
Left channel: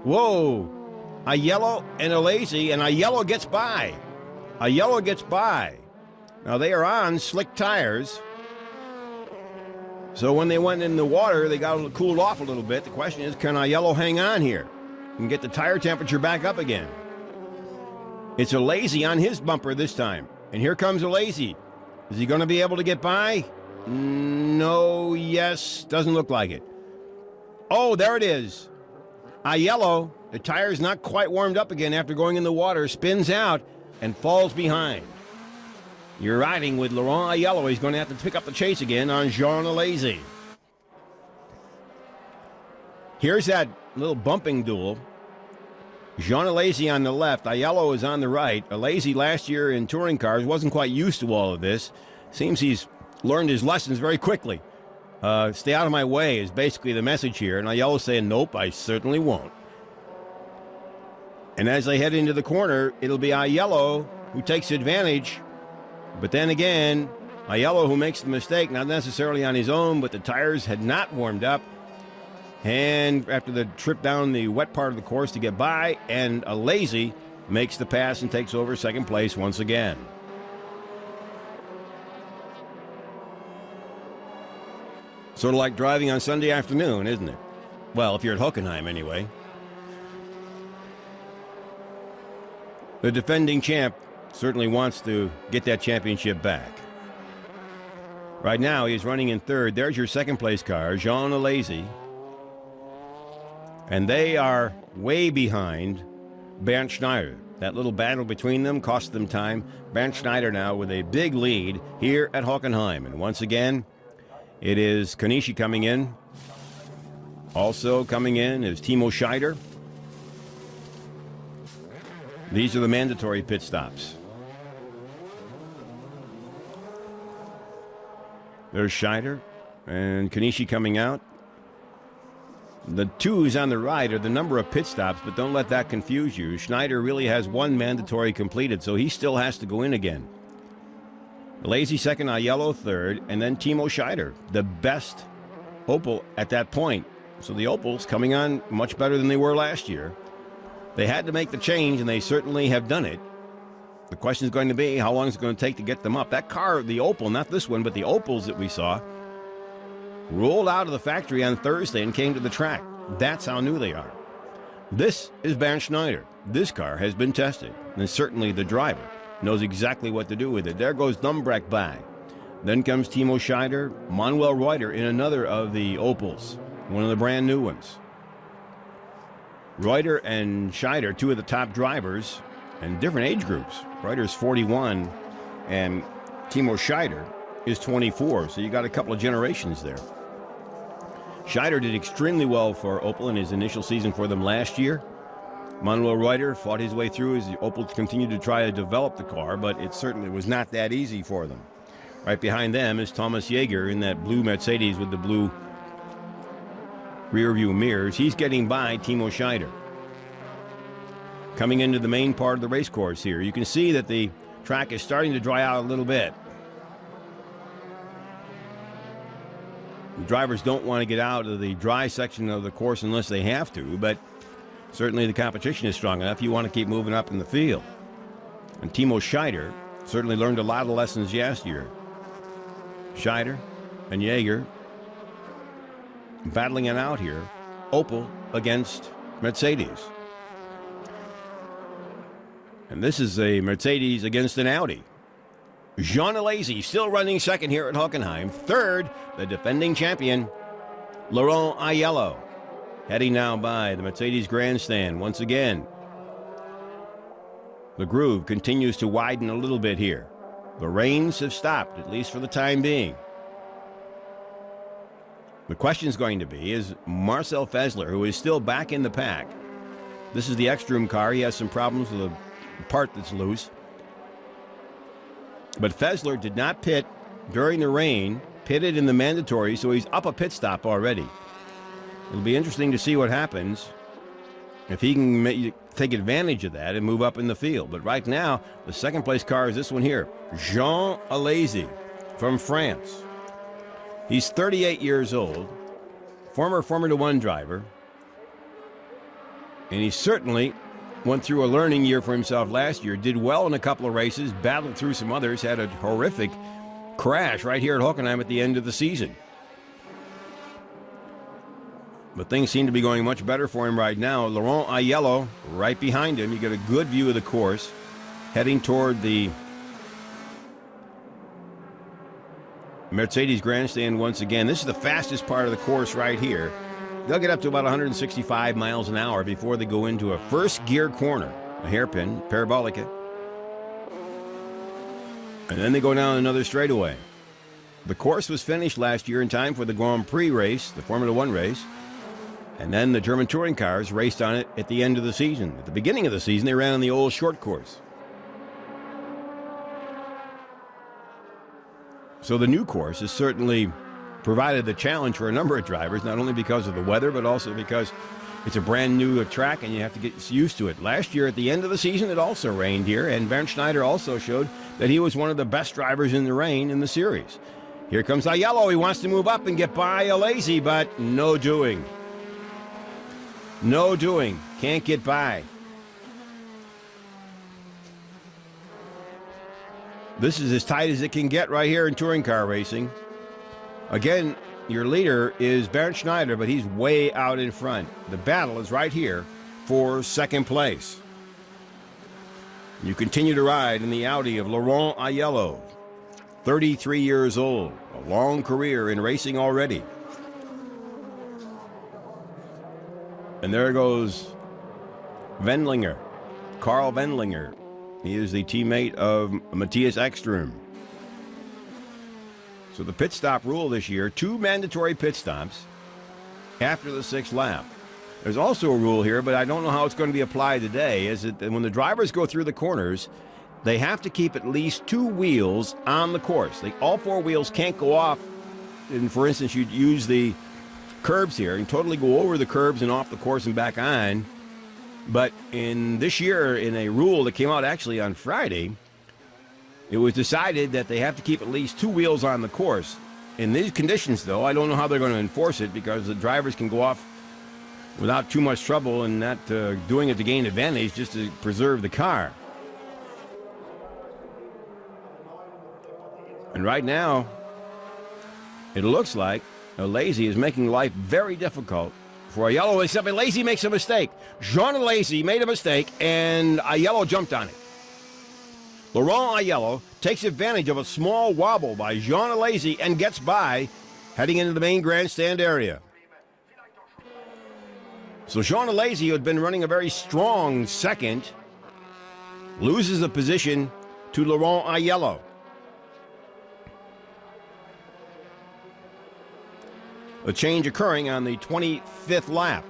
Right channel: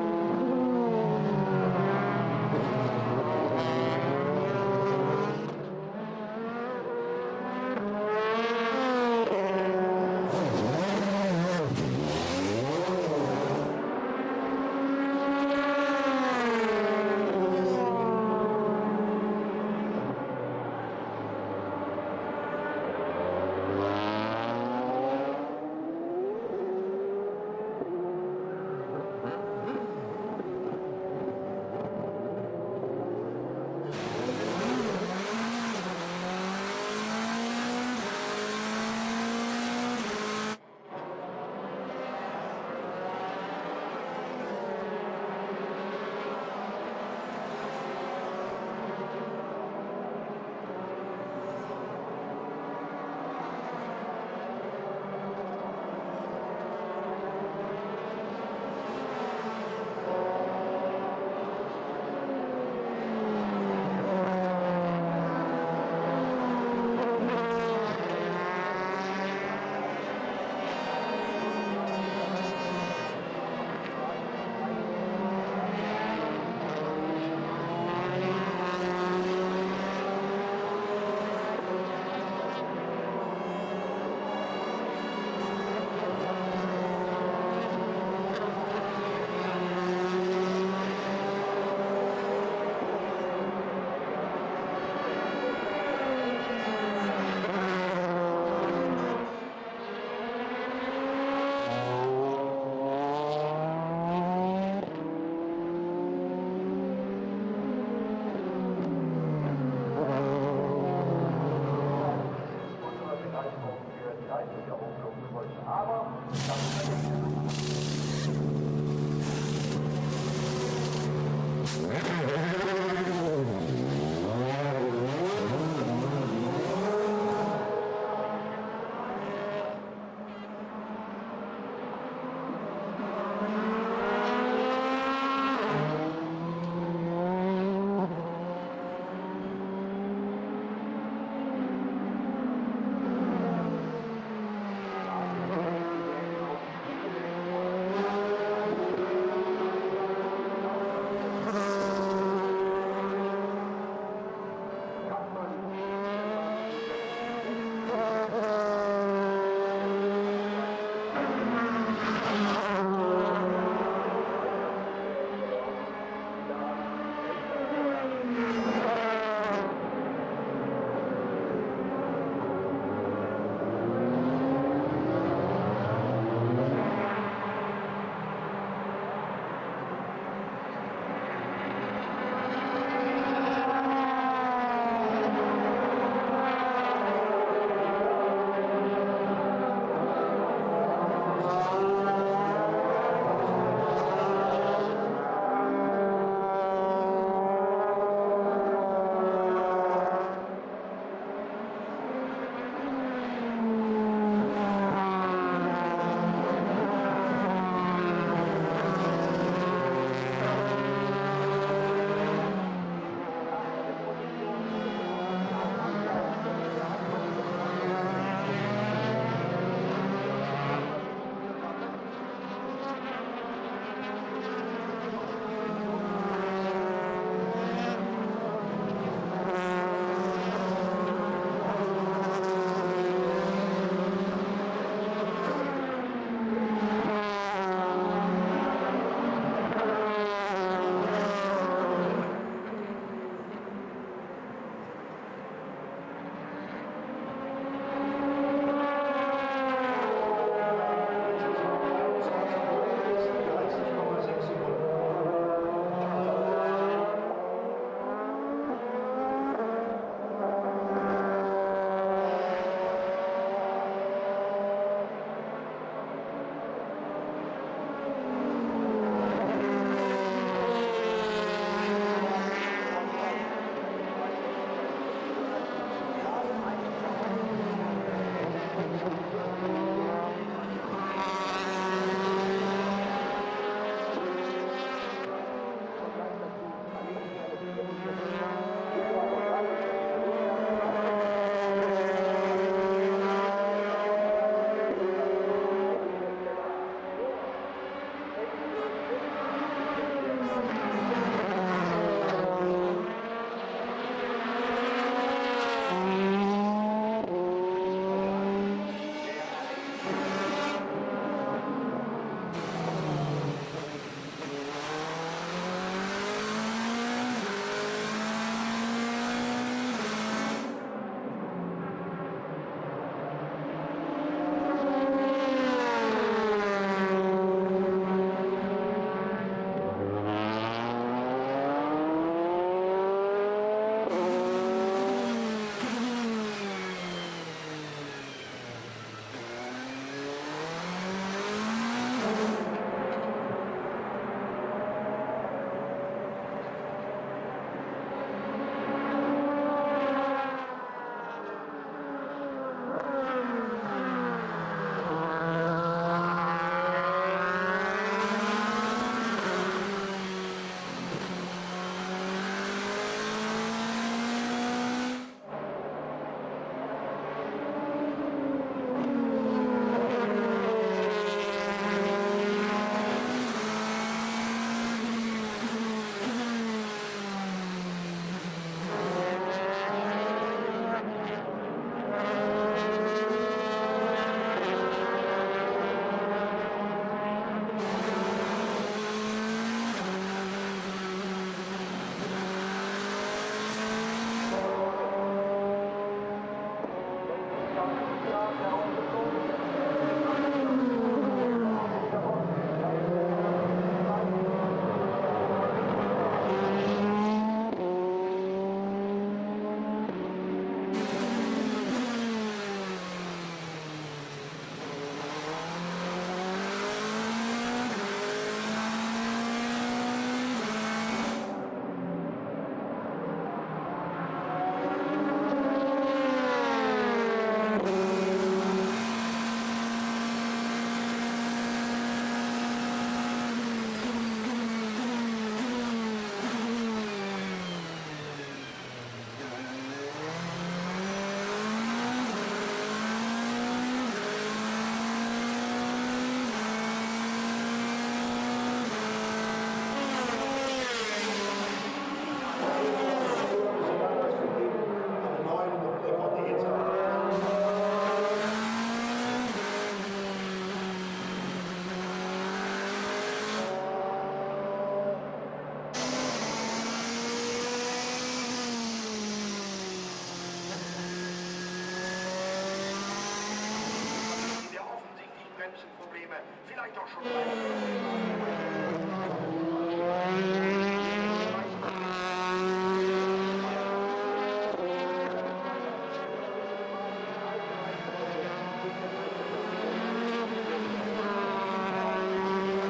Whoa. Aiello and ALESI, and Aiello gets by. Aiello gets by. Now they are on slick tires. So when they went in the water, they got cooled off a little bit. The question is, can Aiello hang on here and get the tire temperature back up again? It's ALESI on his bumper this time. And here comes ALESI. Is he going to be able to get by? No, yes, doesn't look like it. Oh, there it is. Aiello, the tire's not quite warmed up again after going in the water, spins out and falls behind. You're riding with Laurent Aiello. He's going to have to pick up the chase again on Jean ALESI. Here's that little bumping duel. Jean ALESI on the left, Aiello is on the right. ALESI last year in touring cars wasn't quite used to all of this. Seems he's learned his lessons very quickly. Stay out of my way is basically the message here. And Aiello's saying, nope, I certainly won't. And as they head into the corner, it'll be Aiello who takes advantage. But then again, Aiello who makes the mistake, not necessarily on his own, but the tires had not warmed up. And after the trip down the wet part of the course to get by, and ALESI makes the pass and takes over second place once again. Sort of like driving on Sunday afternoon, isn't it? Well, if you're at Hockenheim anyway. The defending champ certainly wants to get that championship back. Right now, he's running in third. There's your second place car, Jean ALESI. And they are way behind Bernd Schneider. That little battle between them cost them time. Bernd Schneider now with a big lead here at Hockenheim. And once again, it is Kanishi coming in. Also coming in is Timo SCHEIDER. These are the mandatory pit stops. There's SCHEIDER and Kanishi coming out. The twos on the right are the number of pit stops, but don't let that confuse you. Schneider really has one mandatory completed, so he still has to go in again. ALESI second, Aiello third, and then Timo SCHEIDER, the best Opel at that point. So the Opels coming on much better than they were last year. They had to make the change, and they certainly have done it. The question is going to be how long it's going to take to get them up. That car, the Opel, not this one, but the Opels that we saw, rolled out of the factory on Thursday and came to the track. That's how new they are. This is Bernd Schneider. This car has been tested, and certainly the driver knows exactly what to do with it. There goes Dumbreck by. Then comes Timo SCHEIDER, Manuel REUTER in another of the Opels, one of the brand new ones. REUTER and SCHEIDER, two of the top drivers in different age groups. REUTER's 41 and Timo SCHEIDER is 24, so you got a couple of generations there. SCHEIDER did extremely well for Opel in his initial season for them last year. Manuel REUTER fought his way through as the Opel continued to try to develop the car, but it certainly was not that easy for them. Right behind them is Thomas Jaeger in that blue Mercedes with the blue rear view mirrors. He's getting by Timo SCHEIDER. Coming into the main part of the race course here, you can see that the track is starting to dry out a little bit. The drivers don't want to get out of the dry section of the course unless they have to, but certainly the competition is strong enough. You want to keep moving up in the field. And Timo SCHEIDER certainly learned a lot of lessons last year. SCHEIDER and Jaeger battling it out here. Opel against Mercedes. And And this is a Mercedes against an Audi. Jean ALESI still running second here at Hockenheim. Third, the defending champion, Laurent Aiello, heading now by the Mercedes grandstand once again. The groove continues to widen a little bit here. The rains have stopped, at least for the time being. The question is going to be, is Marcel FÄSSLER, who is still back in the pack. This is the Ekstrom car. He has some problems with a part that's loose. But FÄSSLER did not pit during the rain, pitted in the mandatory, so he's up a pit stop already. It'll be interesting to see what happens if he can take advantage of that and move up in the field. But right now, the second place car is this one here, Jean ALESI from France. He's 38 years old, former Formula One driver, and he certainly went through a learning year for himself last year. Did well in a couple of races, battled through some others, had a horrific crash right here at Hockenheim at the end of the season. But things seem to be going much better for him right now. Laurent Aiello right behind him. You get a good view of the course, heading toward the Mercedes grandstand once again. This is the fastest part of the course right here. They'll get up to about 165 miles an hour before they go into a first gear corner, a hairpin, parabolica. And then they go down another straightaway. The course was finished last year in time for the Grand Prix race, the Formula One race. And then the German touring cars raced on it at the end of the season. At the beginning of the season, they ran on the old short course. So the new course has certainly provided the challenge for a number of drivers, not only because of the weather, but also because it's a brand new track and you have to get used to it. Last year at the end of the season, it also rained here, and Bernd Schneider also showed that he was one of the best drivers in the rain in the series. Here comes Aiello. He wants to move up and get by ALESI, but no doing. No doing. Can't get by. This is as tight as it can get right here in touring car racing. Again, your leader is Bernd Schneider, but he's way out in front. The battle is right here for second place. You continue to ride in the Audi of Laurent Aiello, 33 years old, long career in racing already. And there goes Wendlinger, Carl Wendlinger. He is the teammate of Matthias Ekstrom. So the pit stop rule this year, 2 mandatory pit stops after the 6th lap. There's also a rule here, but I don't know how it's going to be applied today, is that when the drivers go through the corners, they have to keep at least 2 wheels on the course. All 4 wheels can't go off. And for instance, you'd use the curbs here and totally go over the curbs and off the course and back on. But in this year, in a rule that came out actually on Friday, it was decided that they have to keep at least 2 wheels on the course. In these conditions, though, I don't know how they're going to enforce it because the drivers can go off without too much trouble and not doing it to gain advantage, just to preserve the car. And right now, it looks like ALESI is making life very difficult for Aiello, except ALESI makes a mistake. Jean ALESI made a mistake, and Aiello jumped on it. Laurent Aiello takes advantage of a small wobble by Jean ALESI and gets by, heading into the main grandstand area. So Jean ALESI, who had been running a very strong second, loses the position to Laurent Aiello. The change occurring on the 25th lap.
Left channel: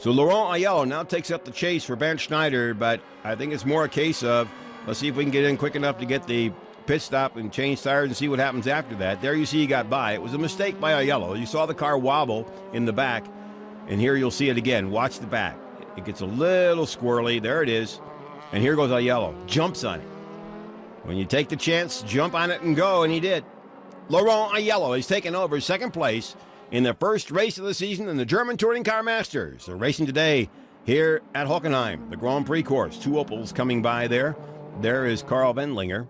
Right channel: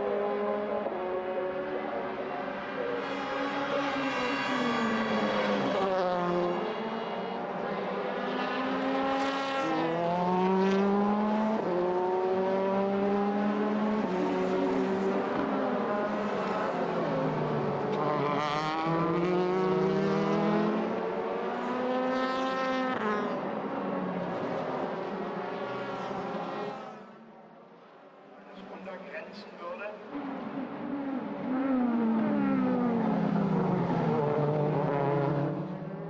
So Laurent Aiello now takes up the chase for Bernd Schneider, but I think it's more a case of, let's see if we can get in quick enough to get the pit stop and change tires and see what happens after that. There you see he got by. It was a mistake by Aiello. You saw the car wobble in the back, and here you'll see it again. Watch the back. It gets a little squirrely. There it is. And here goes Aiello. Jumps on it. When you take the chance, jump on it and go, and he did. Laurent Aiello has taken over second place in the first race of the season in the German Touring Car Masters. They're racing today here at Hockenheim, the Grand Prix course. 2 Opels coming by there. There is Carl Wendlinger.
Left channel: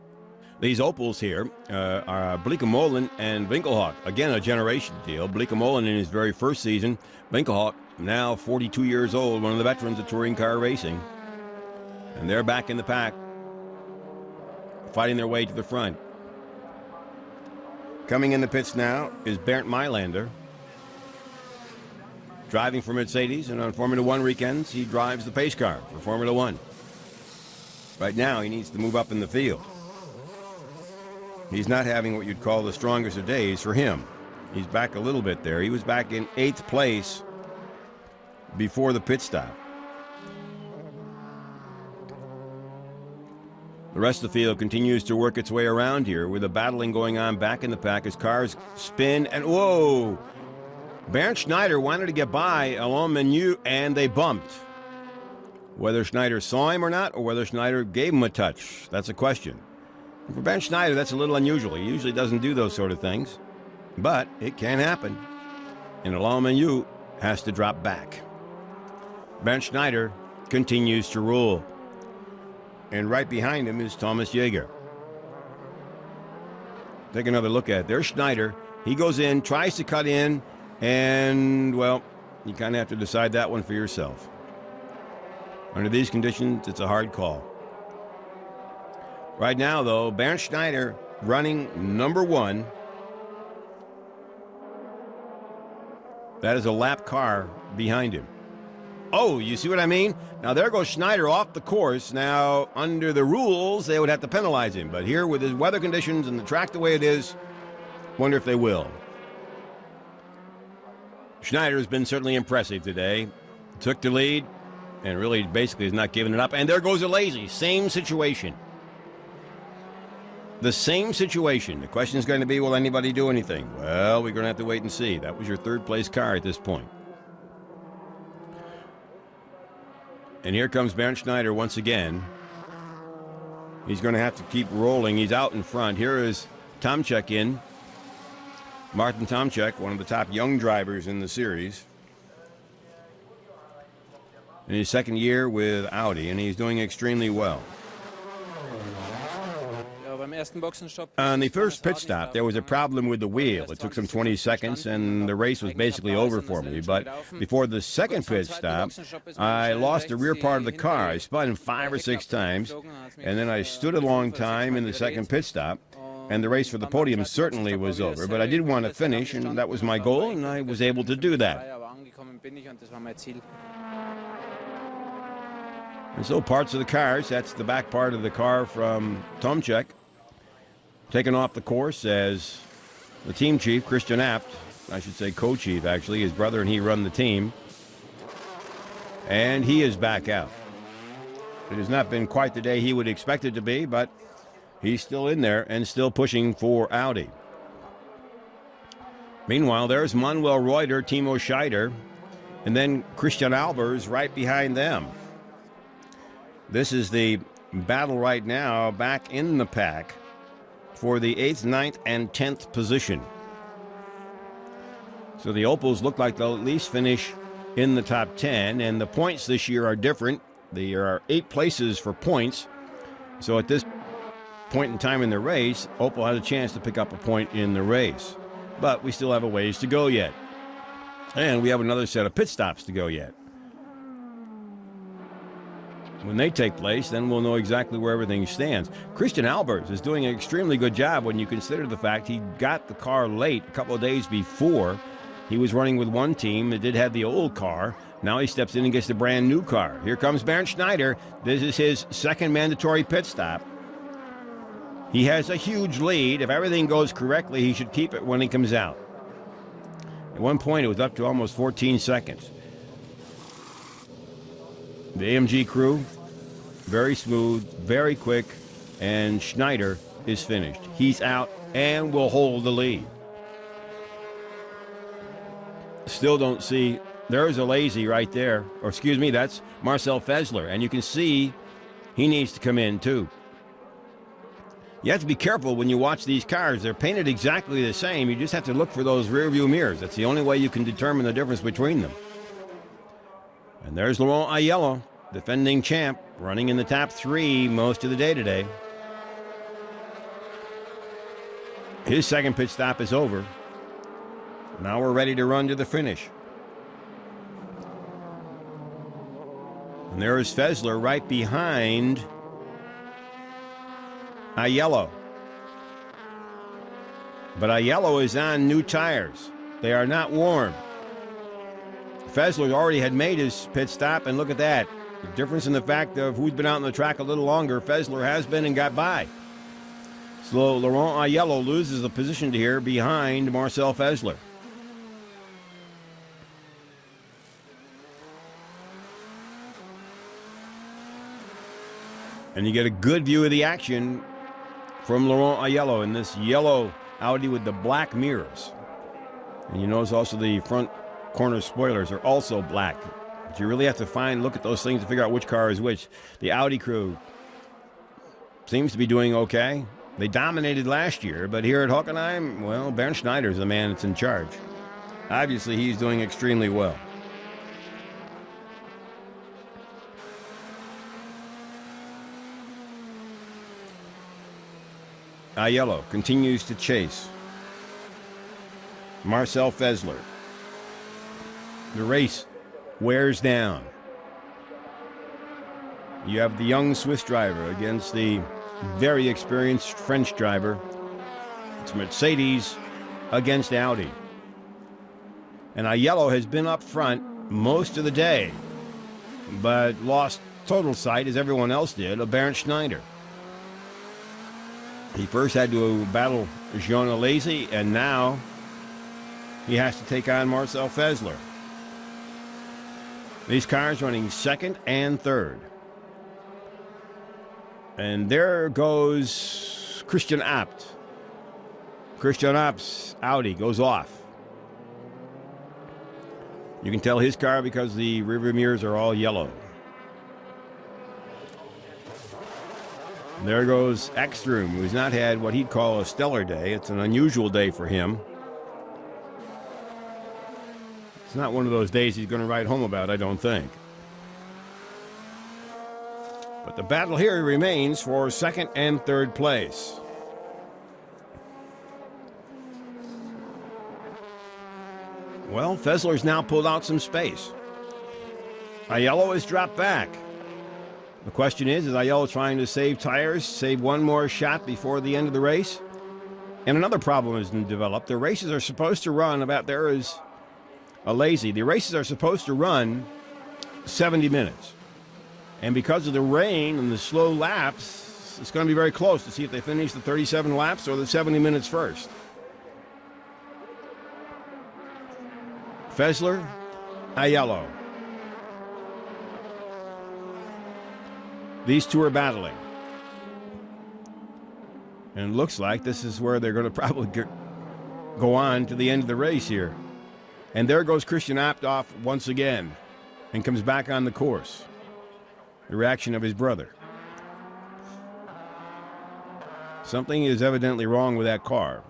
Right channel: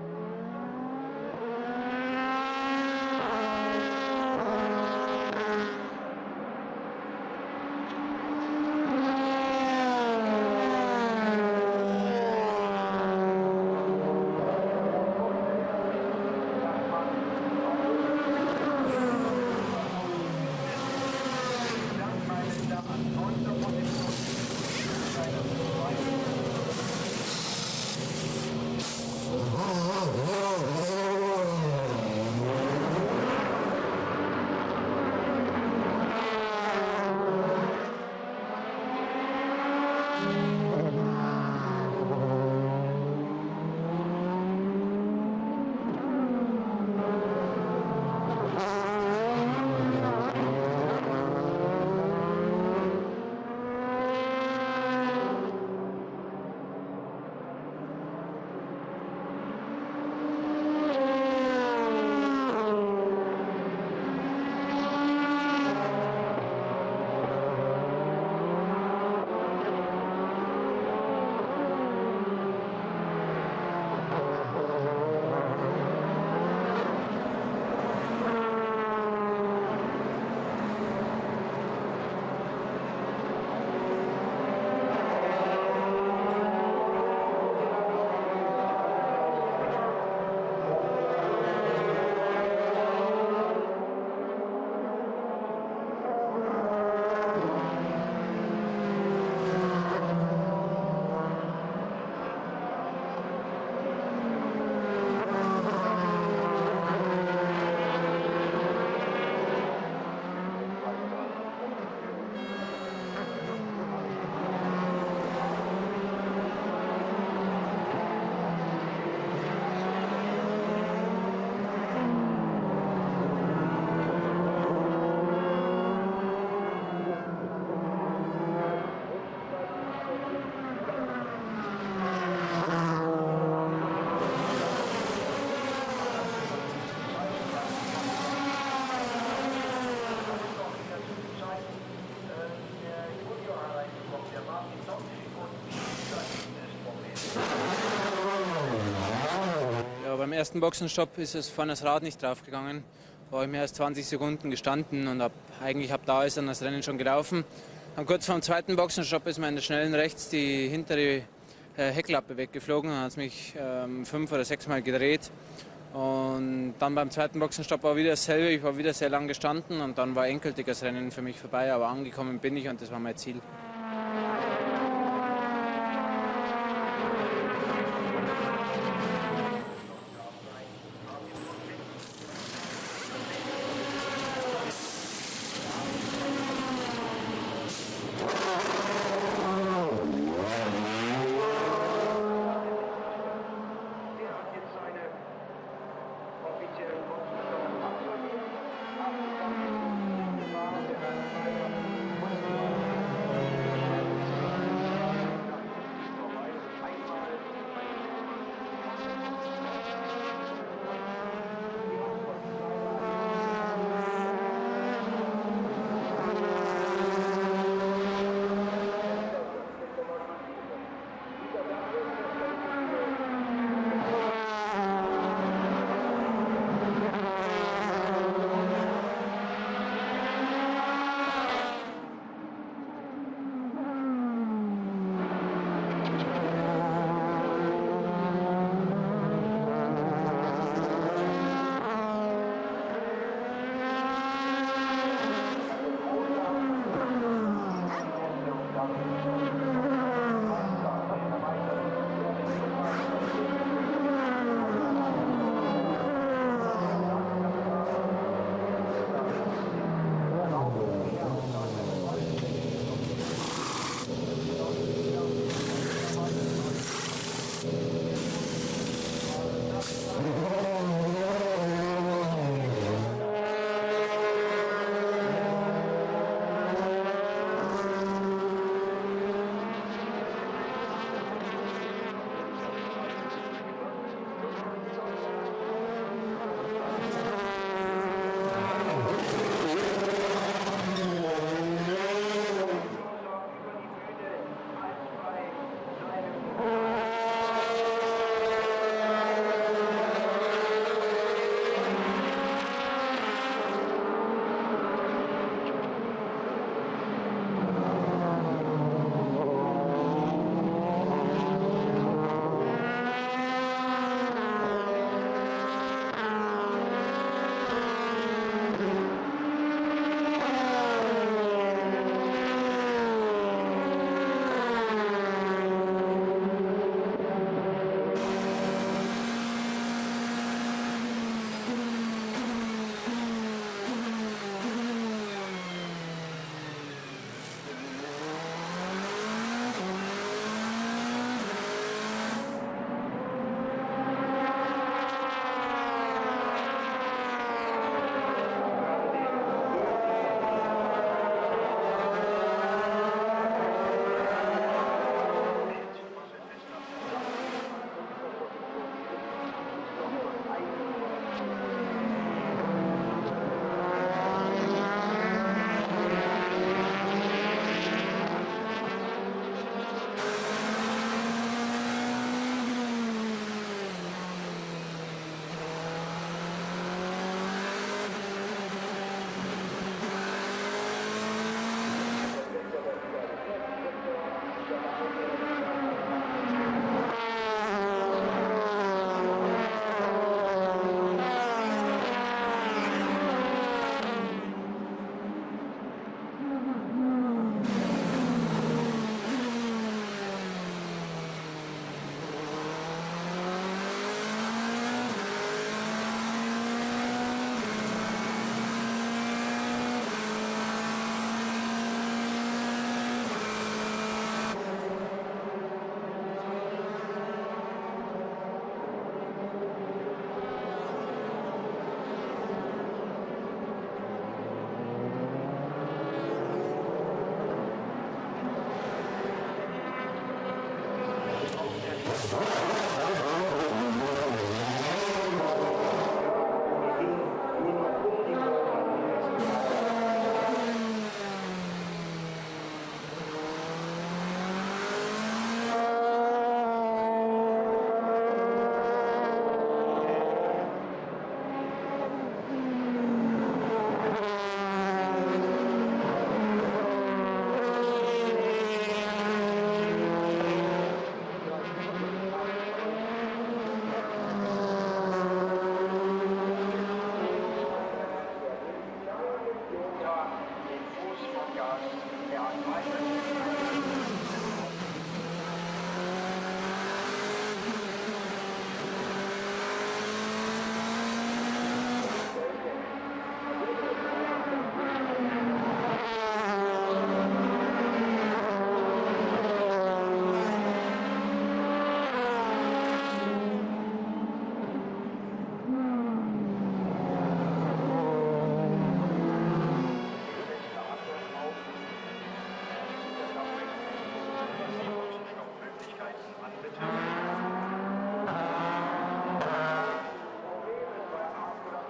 These Opels here are Bleekemolen and Winkelhock. Again, a generation deal. Bleekemolen in his very first season. Winkelhock now 42 years old, one of the veterans of touring car racing. And they're back in the pack, fighting their way to the front. Coming in the pits now is Bernd Mailander, driving for Mercedes, and on Formula One weekends, he drives the pace car in Formula One. Right now, he needs to move up in the field. He's not having what you'd call the strongest of days for him. He's back a little bit there. He was back in 8th place before the pit stop. The rest of the field continues to work its way around here with a battling going on back in the pack as cars spin and whoa! Bernd Schneider wanted to get by Alain Menu and they bumped. Whether Schneider saw him or not, or whether Schneider gave him a touch, that's a question. For Bernd Schneider, that's a little unusual. He usually doesn't do those sort of things, but it can happen. And Alain Menu has to drop back. Bernd Schneider continues to rule. And right behind him is Thomas Jäger. Take another look at it. There's Schneider. He goes in, tries to cut in, and, well, you kind of have to decide that one for yourself. Under these conditions, it's a hard call. Right now, though, Bernd Schneider running number 1. That is a lap car behind him. Oh, you see what I mean? Now, there goes Schneider off the course. Now, under the rules, they would have to penalize him. But here, with his weather conditions and the track the way it is, wonder if they will. Schneider has been certainly impressive today. Took the lead and really basically is not giving it up. And there goes ALESI. Same situation. The same situation. The question is going to be, will anybody do anything? Well, we're going to have to wait and see. That was your 3rd place car at this point. And here comes Bernd Schneider once again. He's going to have to keep rolling. He's out in front. Here is Tomczyk in. Martin Tomczyk, one of the top young drivers in the series. In his 2nd year with Audi, and he's doing extremely well. On the first pit stop, there was a problem with the wheel. It took some 20 seconds, and the race was basically over for me. But before the second pit stop, I lost the rear part of the car. I spun 5 or 6 times, and then I stood a long time in the second pit stop, and the race for the podium certainly was over. But I did want to finish, and that was my goal, and I was able to do that. And so parts of the cars, that's the back part of the car from Tomczyk, taken off the course as the team chief, Christian, I should say co-chief actually, his brother and he run the team. And he is back out. It has not been quite the day he would expect it to be, but he's still in there and still pushing for Audi. Meanwhile, there's Manuel REUTER, Timo SCHEIDER, and then Christijan ALBERS right behind them. This is the battle right now back in the pack for the 8th, 9th, and 10th position. So the Opels look like they'll at least finish in the top 10, and the points this year are different. There are 8 places for points. So at this point in time in the race, Opel had a chance to pick up a point in the race. But we still have a ways to go yet. And we have another set of pit stops to go yet. When they take place, then we'll know exactly where everything stands. Christijan ALBERS is doing an extremely good job when you consider the fact he got the car late a couple of days before. He was running with one team that did have the old car. Now he steps in and gets the brand new car. Here comes Bernd Schneider. This is his 2nd mandatory pit stop. He has a huge lead. If everything goes correctly, he should keep it when he comes out. At one point, it was up to almost 14 seconds. The AMG crew, very smooth, very quick, and Schneider is finished. He's out and will hold the lead. Still don't see, there's ALESI right there, or excuse me, that's Marcel FÄSSLER, and you can see he needs to come in too. You have to be careful when you watch these cars. They're painted exactly the same. You just have to look for those rear view mirrors. That's the only way you can determine the difference between them. And there's Laurent Aiello, defending champ, running in the top 3 most of the day today. His 2nd pit stop is over. Now we're ready to run to the finish. And there is FÄSSLER right behind Aiello. But Aiello is on new tires. They are not worn. FÄSSLER already had made his pit stop, and look at that. The difference in the fact of who's been out on the track a little longer. FÄSSLER has been and got by. So Laurent Aiello loses the position here behind Marcel FÄSSLER. And you get a good view of the action from Laurent Aiello in this yellow Audi with the black mirrors. And you notice also the front corner spoilers are also black. But you really have to look at those things to figure out which car is which. The Audi crew seems to be doing okay. They dominated last year, but here at Hockenheim, well, Bernd Schneider is the man that's in charge. Obviously, he's doing extremely well. Aiello continues to chase Marcel FÄSSLER. The race wears down. You have the young Swiss driver against the very experienced French driver. It's Mercedes against Audi. And Aiello has been up front most of the day, but lost total sight, as everyone else did, of Bernd Schneider. He first had to battle Jean ALESI, and now he has to take on Marcel FÄSSLER. These cars running second and third. And there goes Christian Abt. Christian Abt's Audi goes off. You can tell his car because the rear mirrors are all yellow. There goes Ekstrom, who's not had what he'd call a stellar day. It's an unusual day for him. It's not one of those days he's going to write home about, I don't think. But the battle here remains for second and third place. Well, FÄSSLER's now pulled out some space. Aiello has dropped back. The question is Aiello trying to save tires, save one more shot before the end of the race? And another problem has been developed. The races are supposed to run about, there is ALESI. The races are supposed to run 70 minutes. And because of the rain and the slow laps, it's going to be very close to see if they finish the 37 laps or the 70 minutes first. FÄSSLER, Aiello. These two are battling. And it looks like this is where they're going to probably go on to the end of the race here. And there goes Christian Abt off once again and comes back on the course. The reaction of his brother. Something is evidently wrong with that car.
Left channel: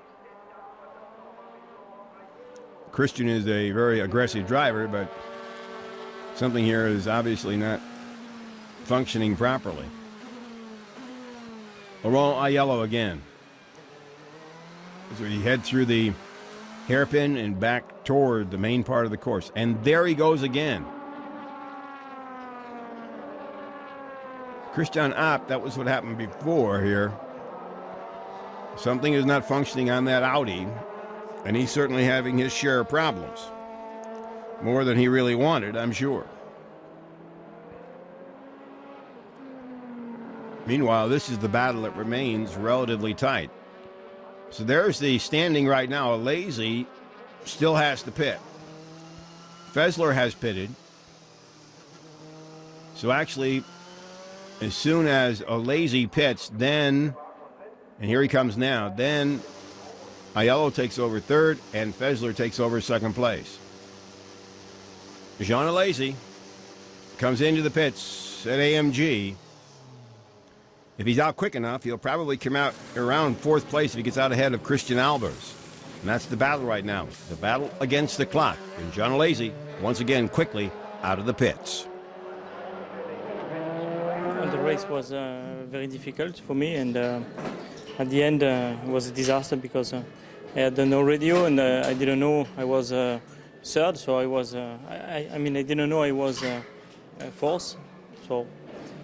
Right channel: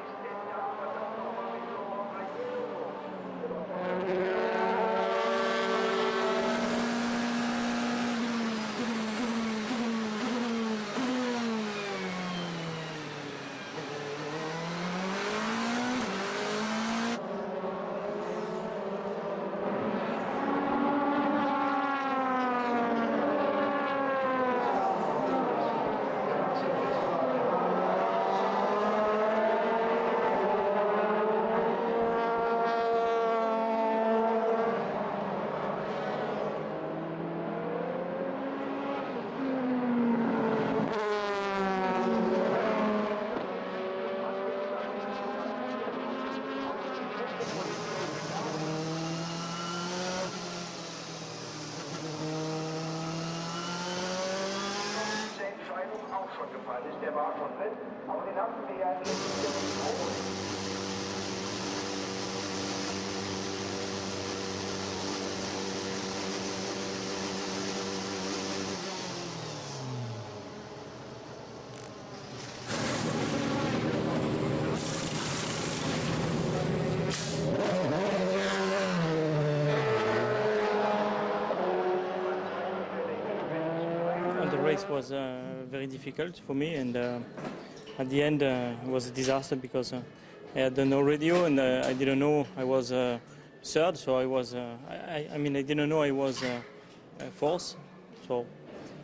Christian is a very aggressive driver, but something here is obviously not functioning properly. Laurent Aiello again. So he heads through the hairpin and back toward the main part of the course. And there he goes again. Christian Abt, that was what happened before here. Something is not functioning on that Audi, and he's certainly having his share of problems. More than he really wanted, I'm sure. Meanwhile, this is the battle that remains relatively tight. So there's the standing right now. ALESI still has to pit. FÄSSLER has pitted. So actually, as soon as ALESI pits, then, and here he comes now, then Aiello takes over third and FÄSSLER takes over second place. Jean ALESI comes into the pits at AMG. If he's out quick enough, he'll probably come out around fourth place if he gets out ahead of Christian ALBERS. And that's the battle right now. The battle against the clock. And Jean ALESI, once again, quickly out of the pits. Well, the race was very difficult for me, and at the end it was a disaster because I had no radio and I didn't know I was third, so I was, I didn't know I was fourth. So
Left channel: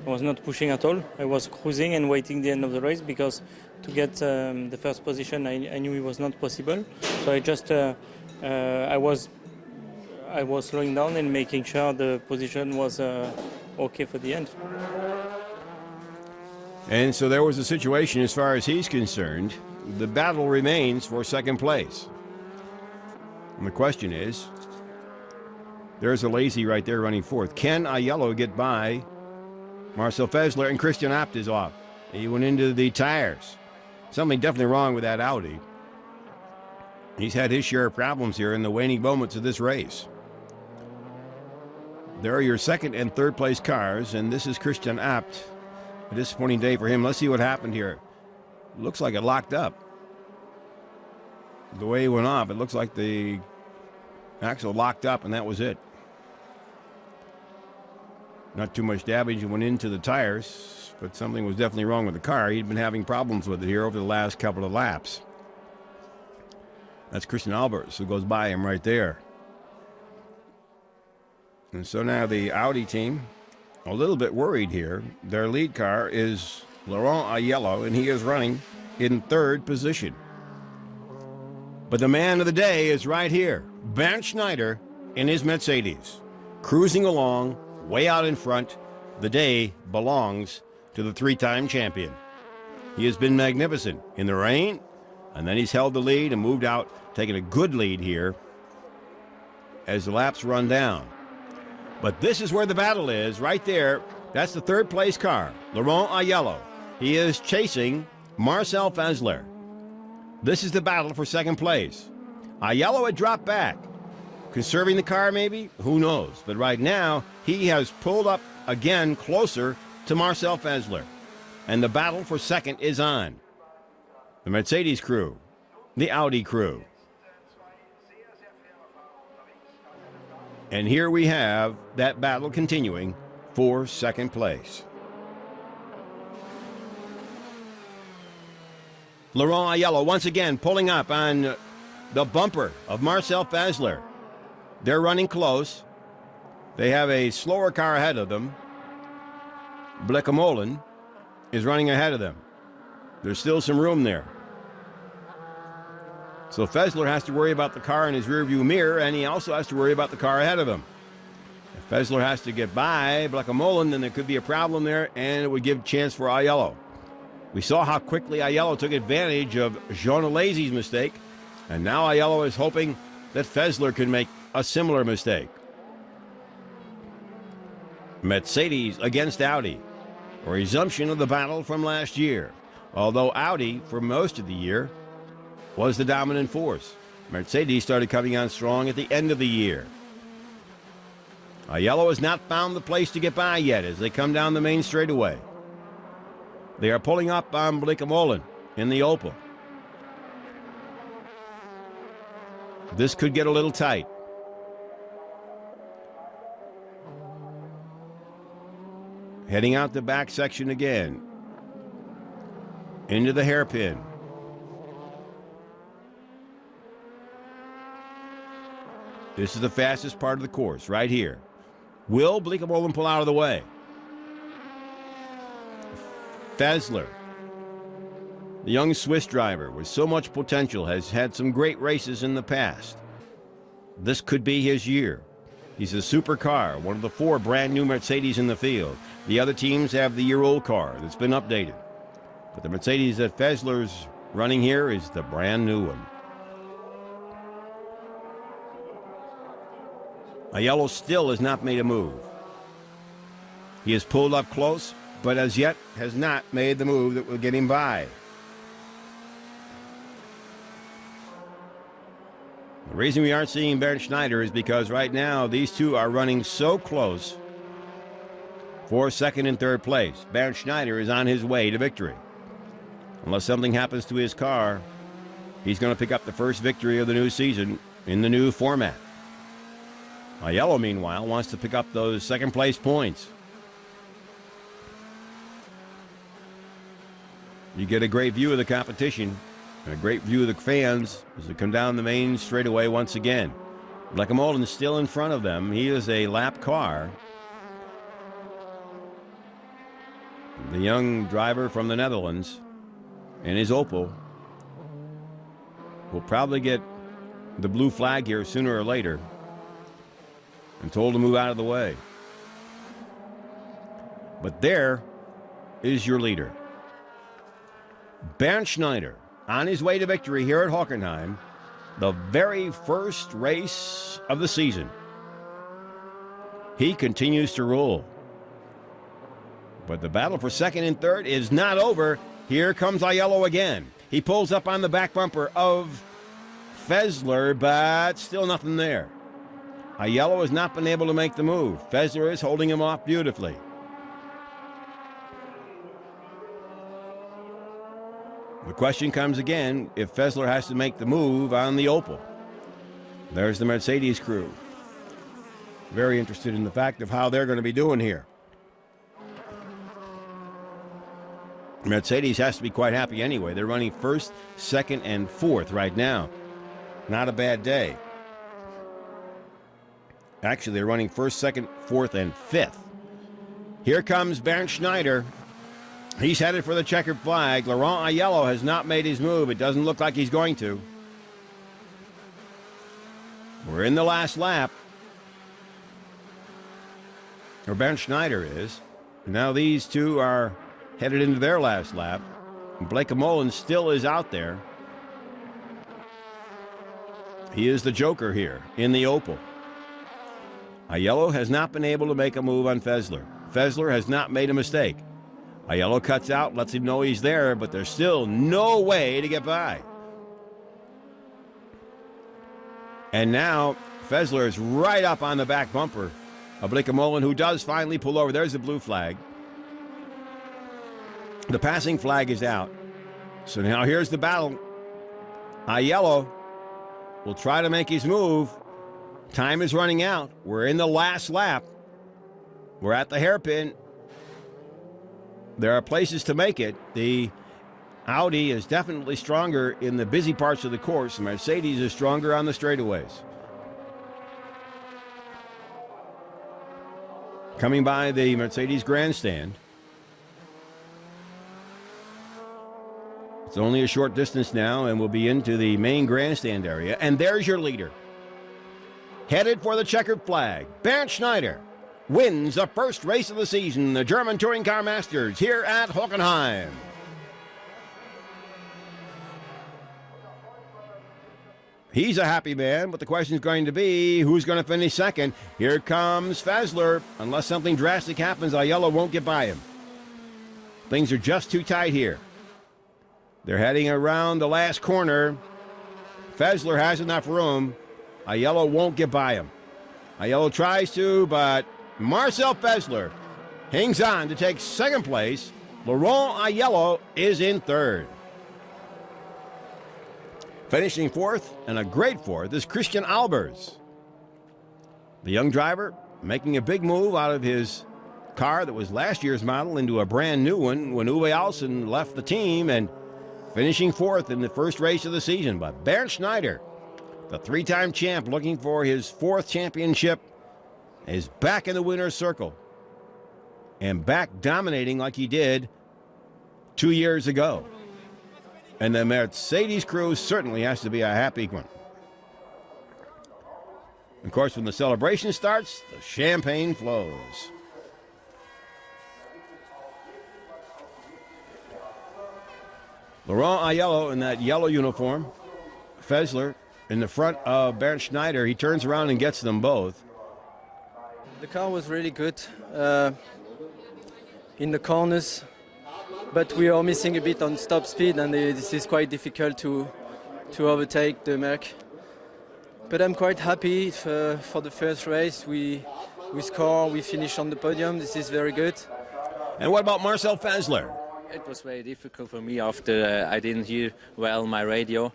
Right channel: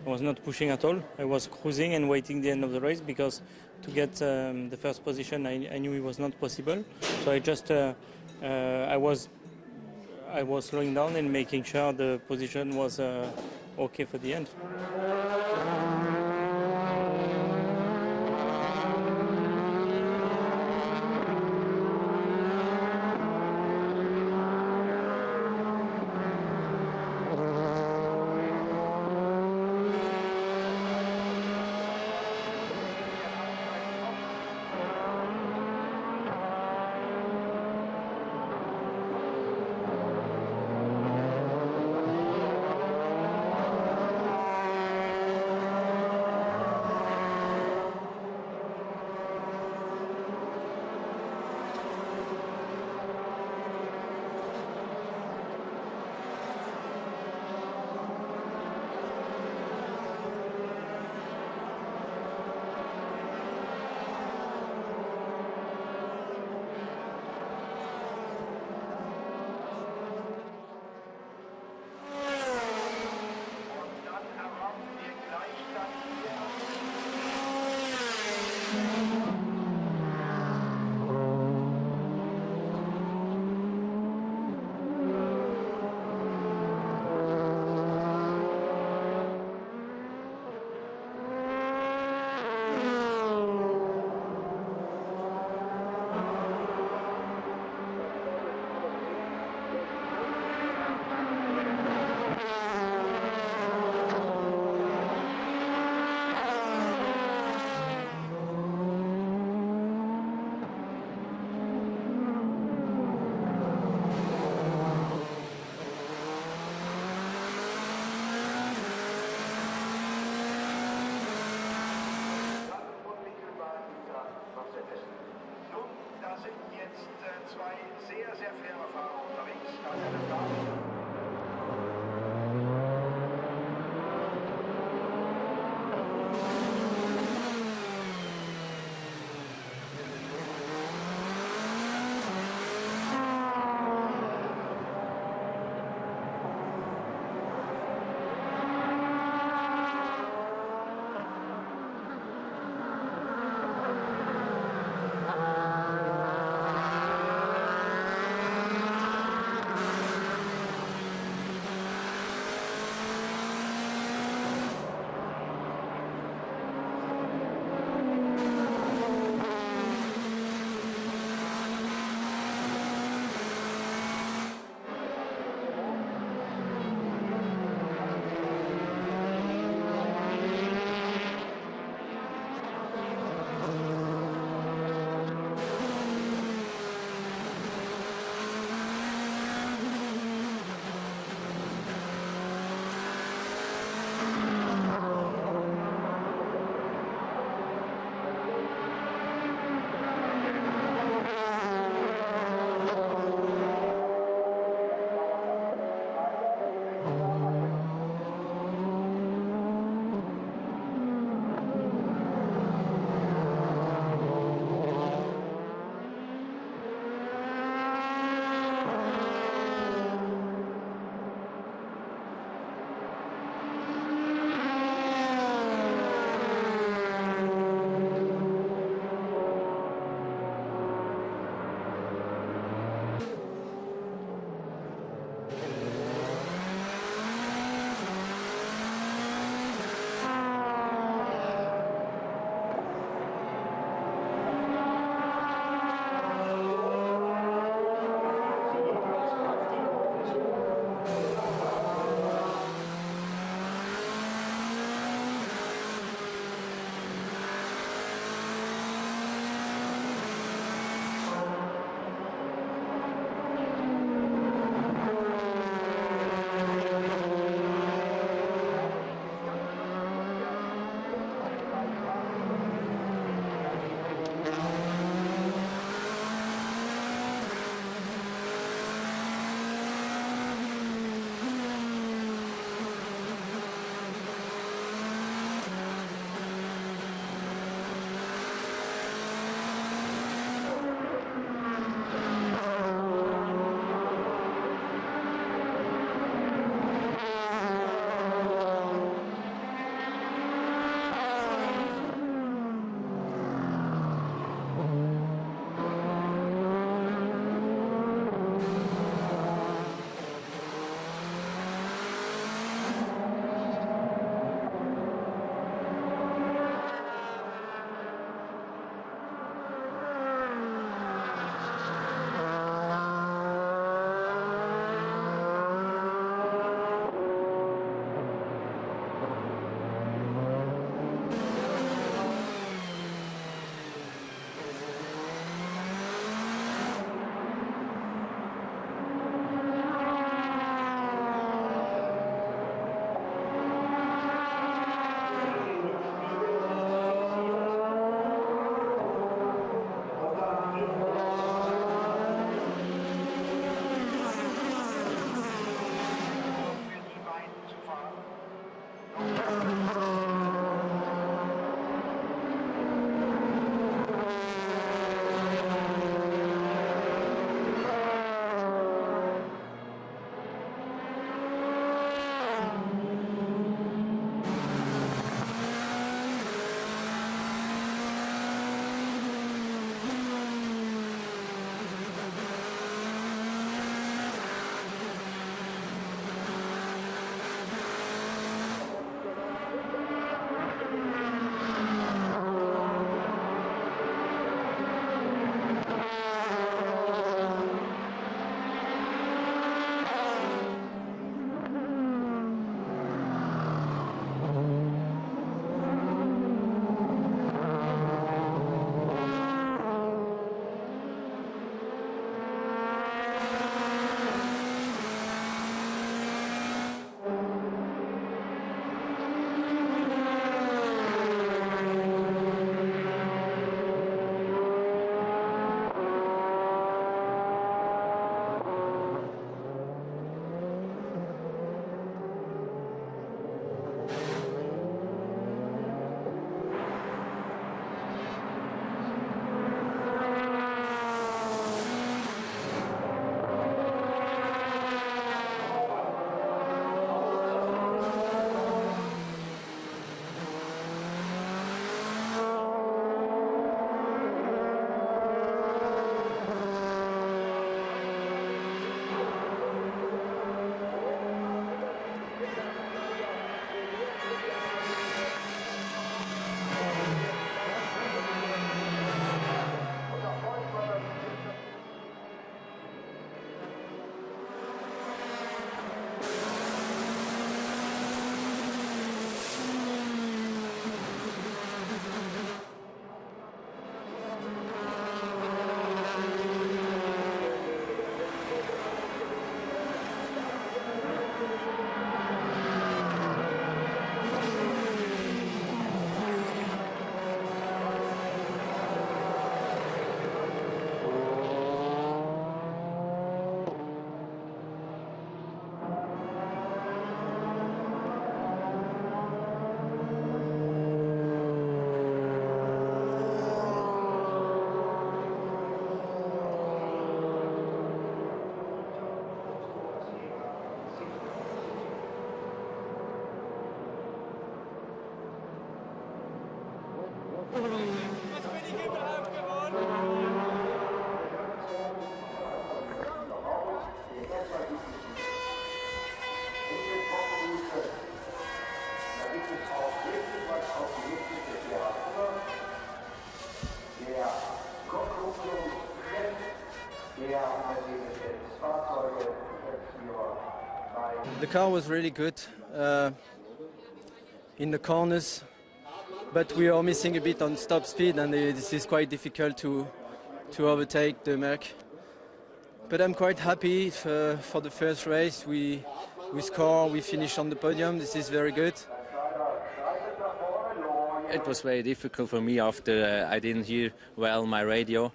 I was not pushing at all. I was cruising and waiting the end of the race because to get the first position, I knew it was not possible. So I just I was slowing down and making sure the position was okay for the end. And so there was a situation as far as he's concerned. The battle remains for second place. And the question is, there's ALESI right there running fourth. Can Aiello get by Marcel FÄSSLER? And Christijan is off. He went into the tires. Something definitely wrong with that Audi. He's had his share of problems here in the waning moments of this race. There are your second and third place cars, and this is Christijan. Disappointing day for him. Let's see what happened here. It looks like it locked up. The way he went off, it looks like the axle locked up, and that was it. Not too much damage went into the tires, but something was definitely wrong with the car. He'd been having problems with it here over the last couple of laps. That's Christijan ALBERS who goes by him right there. And so now the Audi team, a little bit worried here. Their lead car is Laurent Aiello, and he is running in third position. But the man of the day is right here, Bernd Schneider in his Mercedes, cruising along, way out in front. The day belongs to the three-time champion. He has been magnificent in the rain, and then he's held the lead and moved out, taking a good lead here as the laps run down. But this is where the battle is, right there. That's the third place car, Laurent Aiello. He is chasing Marcel FÄSSLER. This is the battle for second place. Aiello had dropped back. Conserving the car maybe? Who knows? But right now, he has pulled up again closer to Marcel FÄSSLER. And the battle for second is on. The Mercedes crew, the Audi crew. And here we have that battle continuing for second place. Laurent Aiello once again pulling up on the bumper of Marcel FÄSSLER. They're running close. They have a slower car ahead of them. Bleekemolen is running ahead of them. There's still some room there. So FÄSSLER has to worry about the car in his rearview mirror, and he also has to worry about the car ahead of him. If FÄSSLER has to get by Bleekemolen, then there could be a problem there, and it would give a chance for Aiello. We saw how quickly Aiello took advantage of Jean ALESI's mistake, and now Aiello is hoping that FÄSSLER could make a similar mistake. Mercedes against Audi, a resumption of the battle from last year. Although Audi, for most of the year, was the dominant force. Mercedes started coming on strong at the end of the year. Aiello has not found the place to get by yet as they come down the main straightaway. They are pulling up on Bleekemolen in the Opel. This could get a little tight. Heading out the back section again. Into the hairpin. This is the fastest part of the course, right here. Will Bleekemolen pull out of the way? FÄSSLER, the young Swiss driver with so much potential, has had some great races in the past. This could be his year. He's a supercar, one of the 4 brand new Mercedes in the field. The other teams have the year-old car that's been updated. But the Mercedes that FÄSSLER's running here is the brand new one. Aiello still has not made a move. He has pulled up close, but as yet has not made the move that will get him by. The reason we aren't seeing Bernd Schneider is because right now these two are running so close for second and third place. Bernd Schneider is on his way to victory. Unless something happens to his car, he's going to pick up the first victory of the new season in the new format. Aiello, meanwhile, wants to pick up those second place points. You get a great view of the competition and a great view of the fans as they come down the main straightaway once again. Bleekemolen is still in front of them. He is a lap car. the young driver from the Netherlands, and his Opel will probably get the blue flag here sooner or later. I'm told to move out of the way. But there is your leader. Bernd Schneider on his way to victory here at Hockenheim, the very first race of the season. He continues to rule. But the battle for second and third is not over. Here comes Aiello again. He pulls up on the back bumper of FÄSSLER, but still nothing there. Aiello has not been able to make the move. FÄSSLER is holding him off beautifully. The question comes again if FÄSSLER has to make the move on the Opel. There's the Mercedes crew. Very interested in the fact of how they're going to be doing here. Mercedes has to be quite happy anyway. They're running first, second, and fourth right now. Not a bad day. Actually, they're running first, second, fourth, and fifth. Here comes Bernd Schneider. He's headed for the checkered flag. Laurent Aiello has not made his move. It doesn't look like he's going to. We're in the last lap. Or Bernd Schneider is. Now these two are headed into their last lap. Blake Mullen still is out there. He is the joker here in the Opel. Aiello has not been able to make a move on FÄSSLER. FÄSSLER has not made a mistake. Aiello cuts out, lets him know he's there, but there's still no way to get by. And now FÄSSLER is right up on the back bumper of Blake Mullen, who does finally pull over. There's the blue flag. The passing flag is out. So now here's the battle. Aiello will try to make his move. Time is running out. We're in the last lap. We're at the hairpin. There are places to make it. The Audi is definitely stronger in the busy parts of the course. The Mercedes is stronger on the straightaways. Coming by the Mercedes grandstand. It's only a short distance now, and we'll be into the main grandstand area. And there's your leader. Headed for the checkered flag, Bernd Schneider wins the first race of the season, the German Touring Car Masters, here at Hockenheim. He's a happy man, but the question is going to be, who's going to finish second? Here comes FÄSSLER. Unless something drastic happens, Aiello won't get by him. Things are just too tight here. They're heading around the last corner. FÄSSLER has enough room. Aiello won't get by him. Aiello tries to, but Marcel FÄSSLER hangs on to take second place. Laurent Aiello is in third. Finishing fourth, and a great fourth, is Christijan ALBERS. The young driver making a big move out of his car that was last year's model into a brand new one when Uwe Alsen left the team, and finishing fourth in the first race of the season. But Bernd Schneider, the three-time champ looking for his fourth championship, is back in the winner's circle and back dominating like he did 2 years ago. And the Mercedes crew certainly has to be a happy one. Of course, when the celebration starts, the champagne flows. Laurent Aiello in that yellow uniform. FÄSSLER in the front of Bernd Schneider. He turns around and gets them both. The car was really good in the corners, but we are missing a bit on stop speed, and this is quite difficult to overtake the Merc. But I'm quite happy for the first race. We score, we finish on the podium. This is very good. And what about Marcel FÄSSLER? It was very difficult for me after I didn't hear well my radio.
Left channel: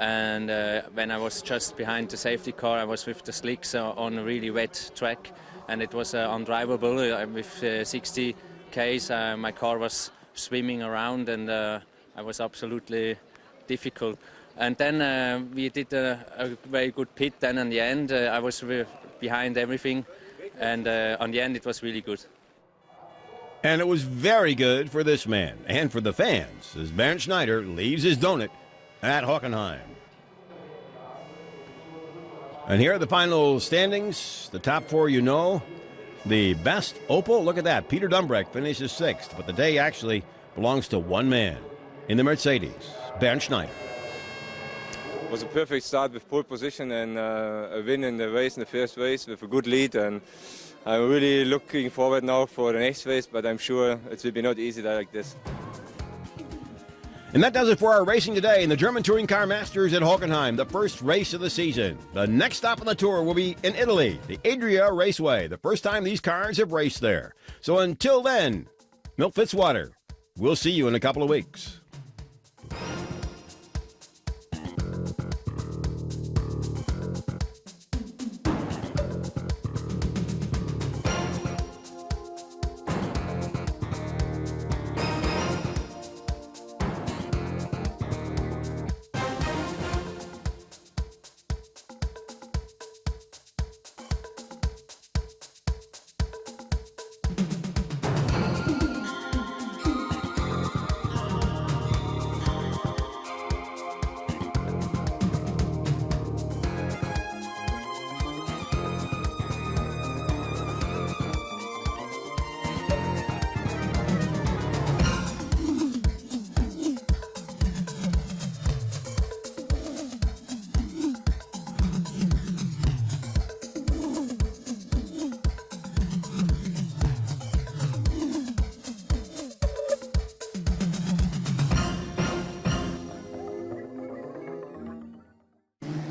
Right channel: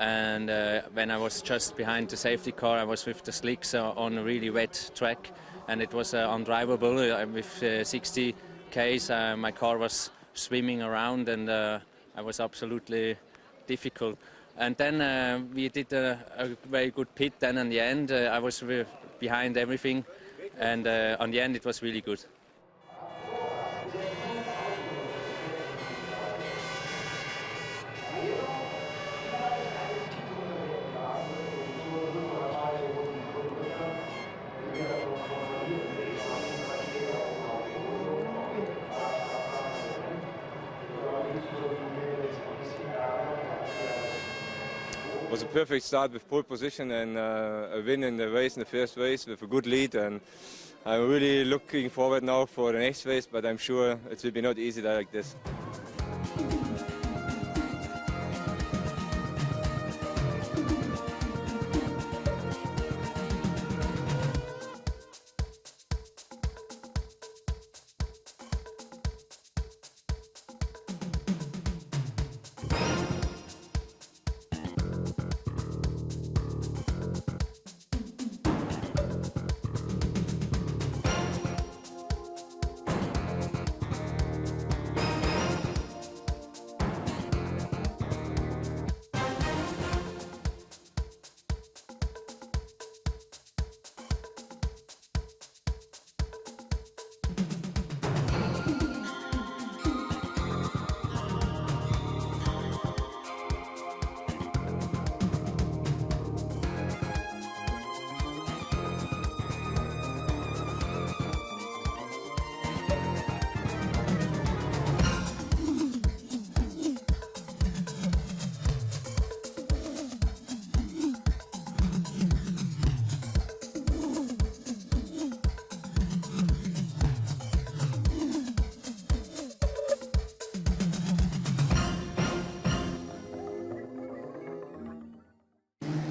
And when I was just behind the safety car, I was with the slicks on a really wet track. And it was undrivable. With 60 Ks, my car was swimming around, and I was absolutely difficult. And then we did a very good pit. Then in the end, I was behind everything, and on the end it was really good. And it was very good for this man and for the fans as Bernd Schneider leaves his donut at Hockenheim. And here are the final standings. The top four you know. The best Opel, look at that. Peter Dumbrecht finishes 6th, but the day actually belongs to one man in the Mercedes, Bernd Schneider. It was a perfect start with pole position and a win in the race, in the first race with a good lead. And I'm really looking forward now for the next race, but I'm sure it will be not easy like this. And that does it for our racing today in the German Touring Car Masters at Hockenheim, the first race of the season. The next stop on the tour will be in Italy, the Adria Raceway, the first time these cars have raced there. So until then, Milt Fitzwater, we'll see you in a couple of weeks.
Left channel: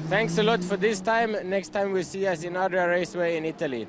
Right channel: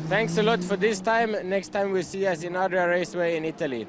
Thanks a lot for this time. Next time we'll see us in another raceway in Italy.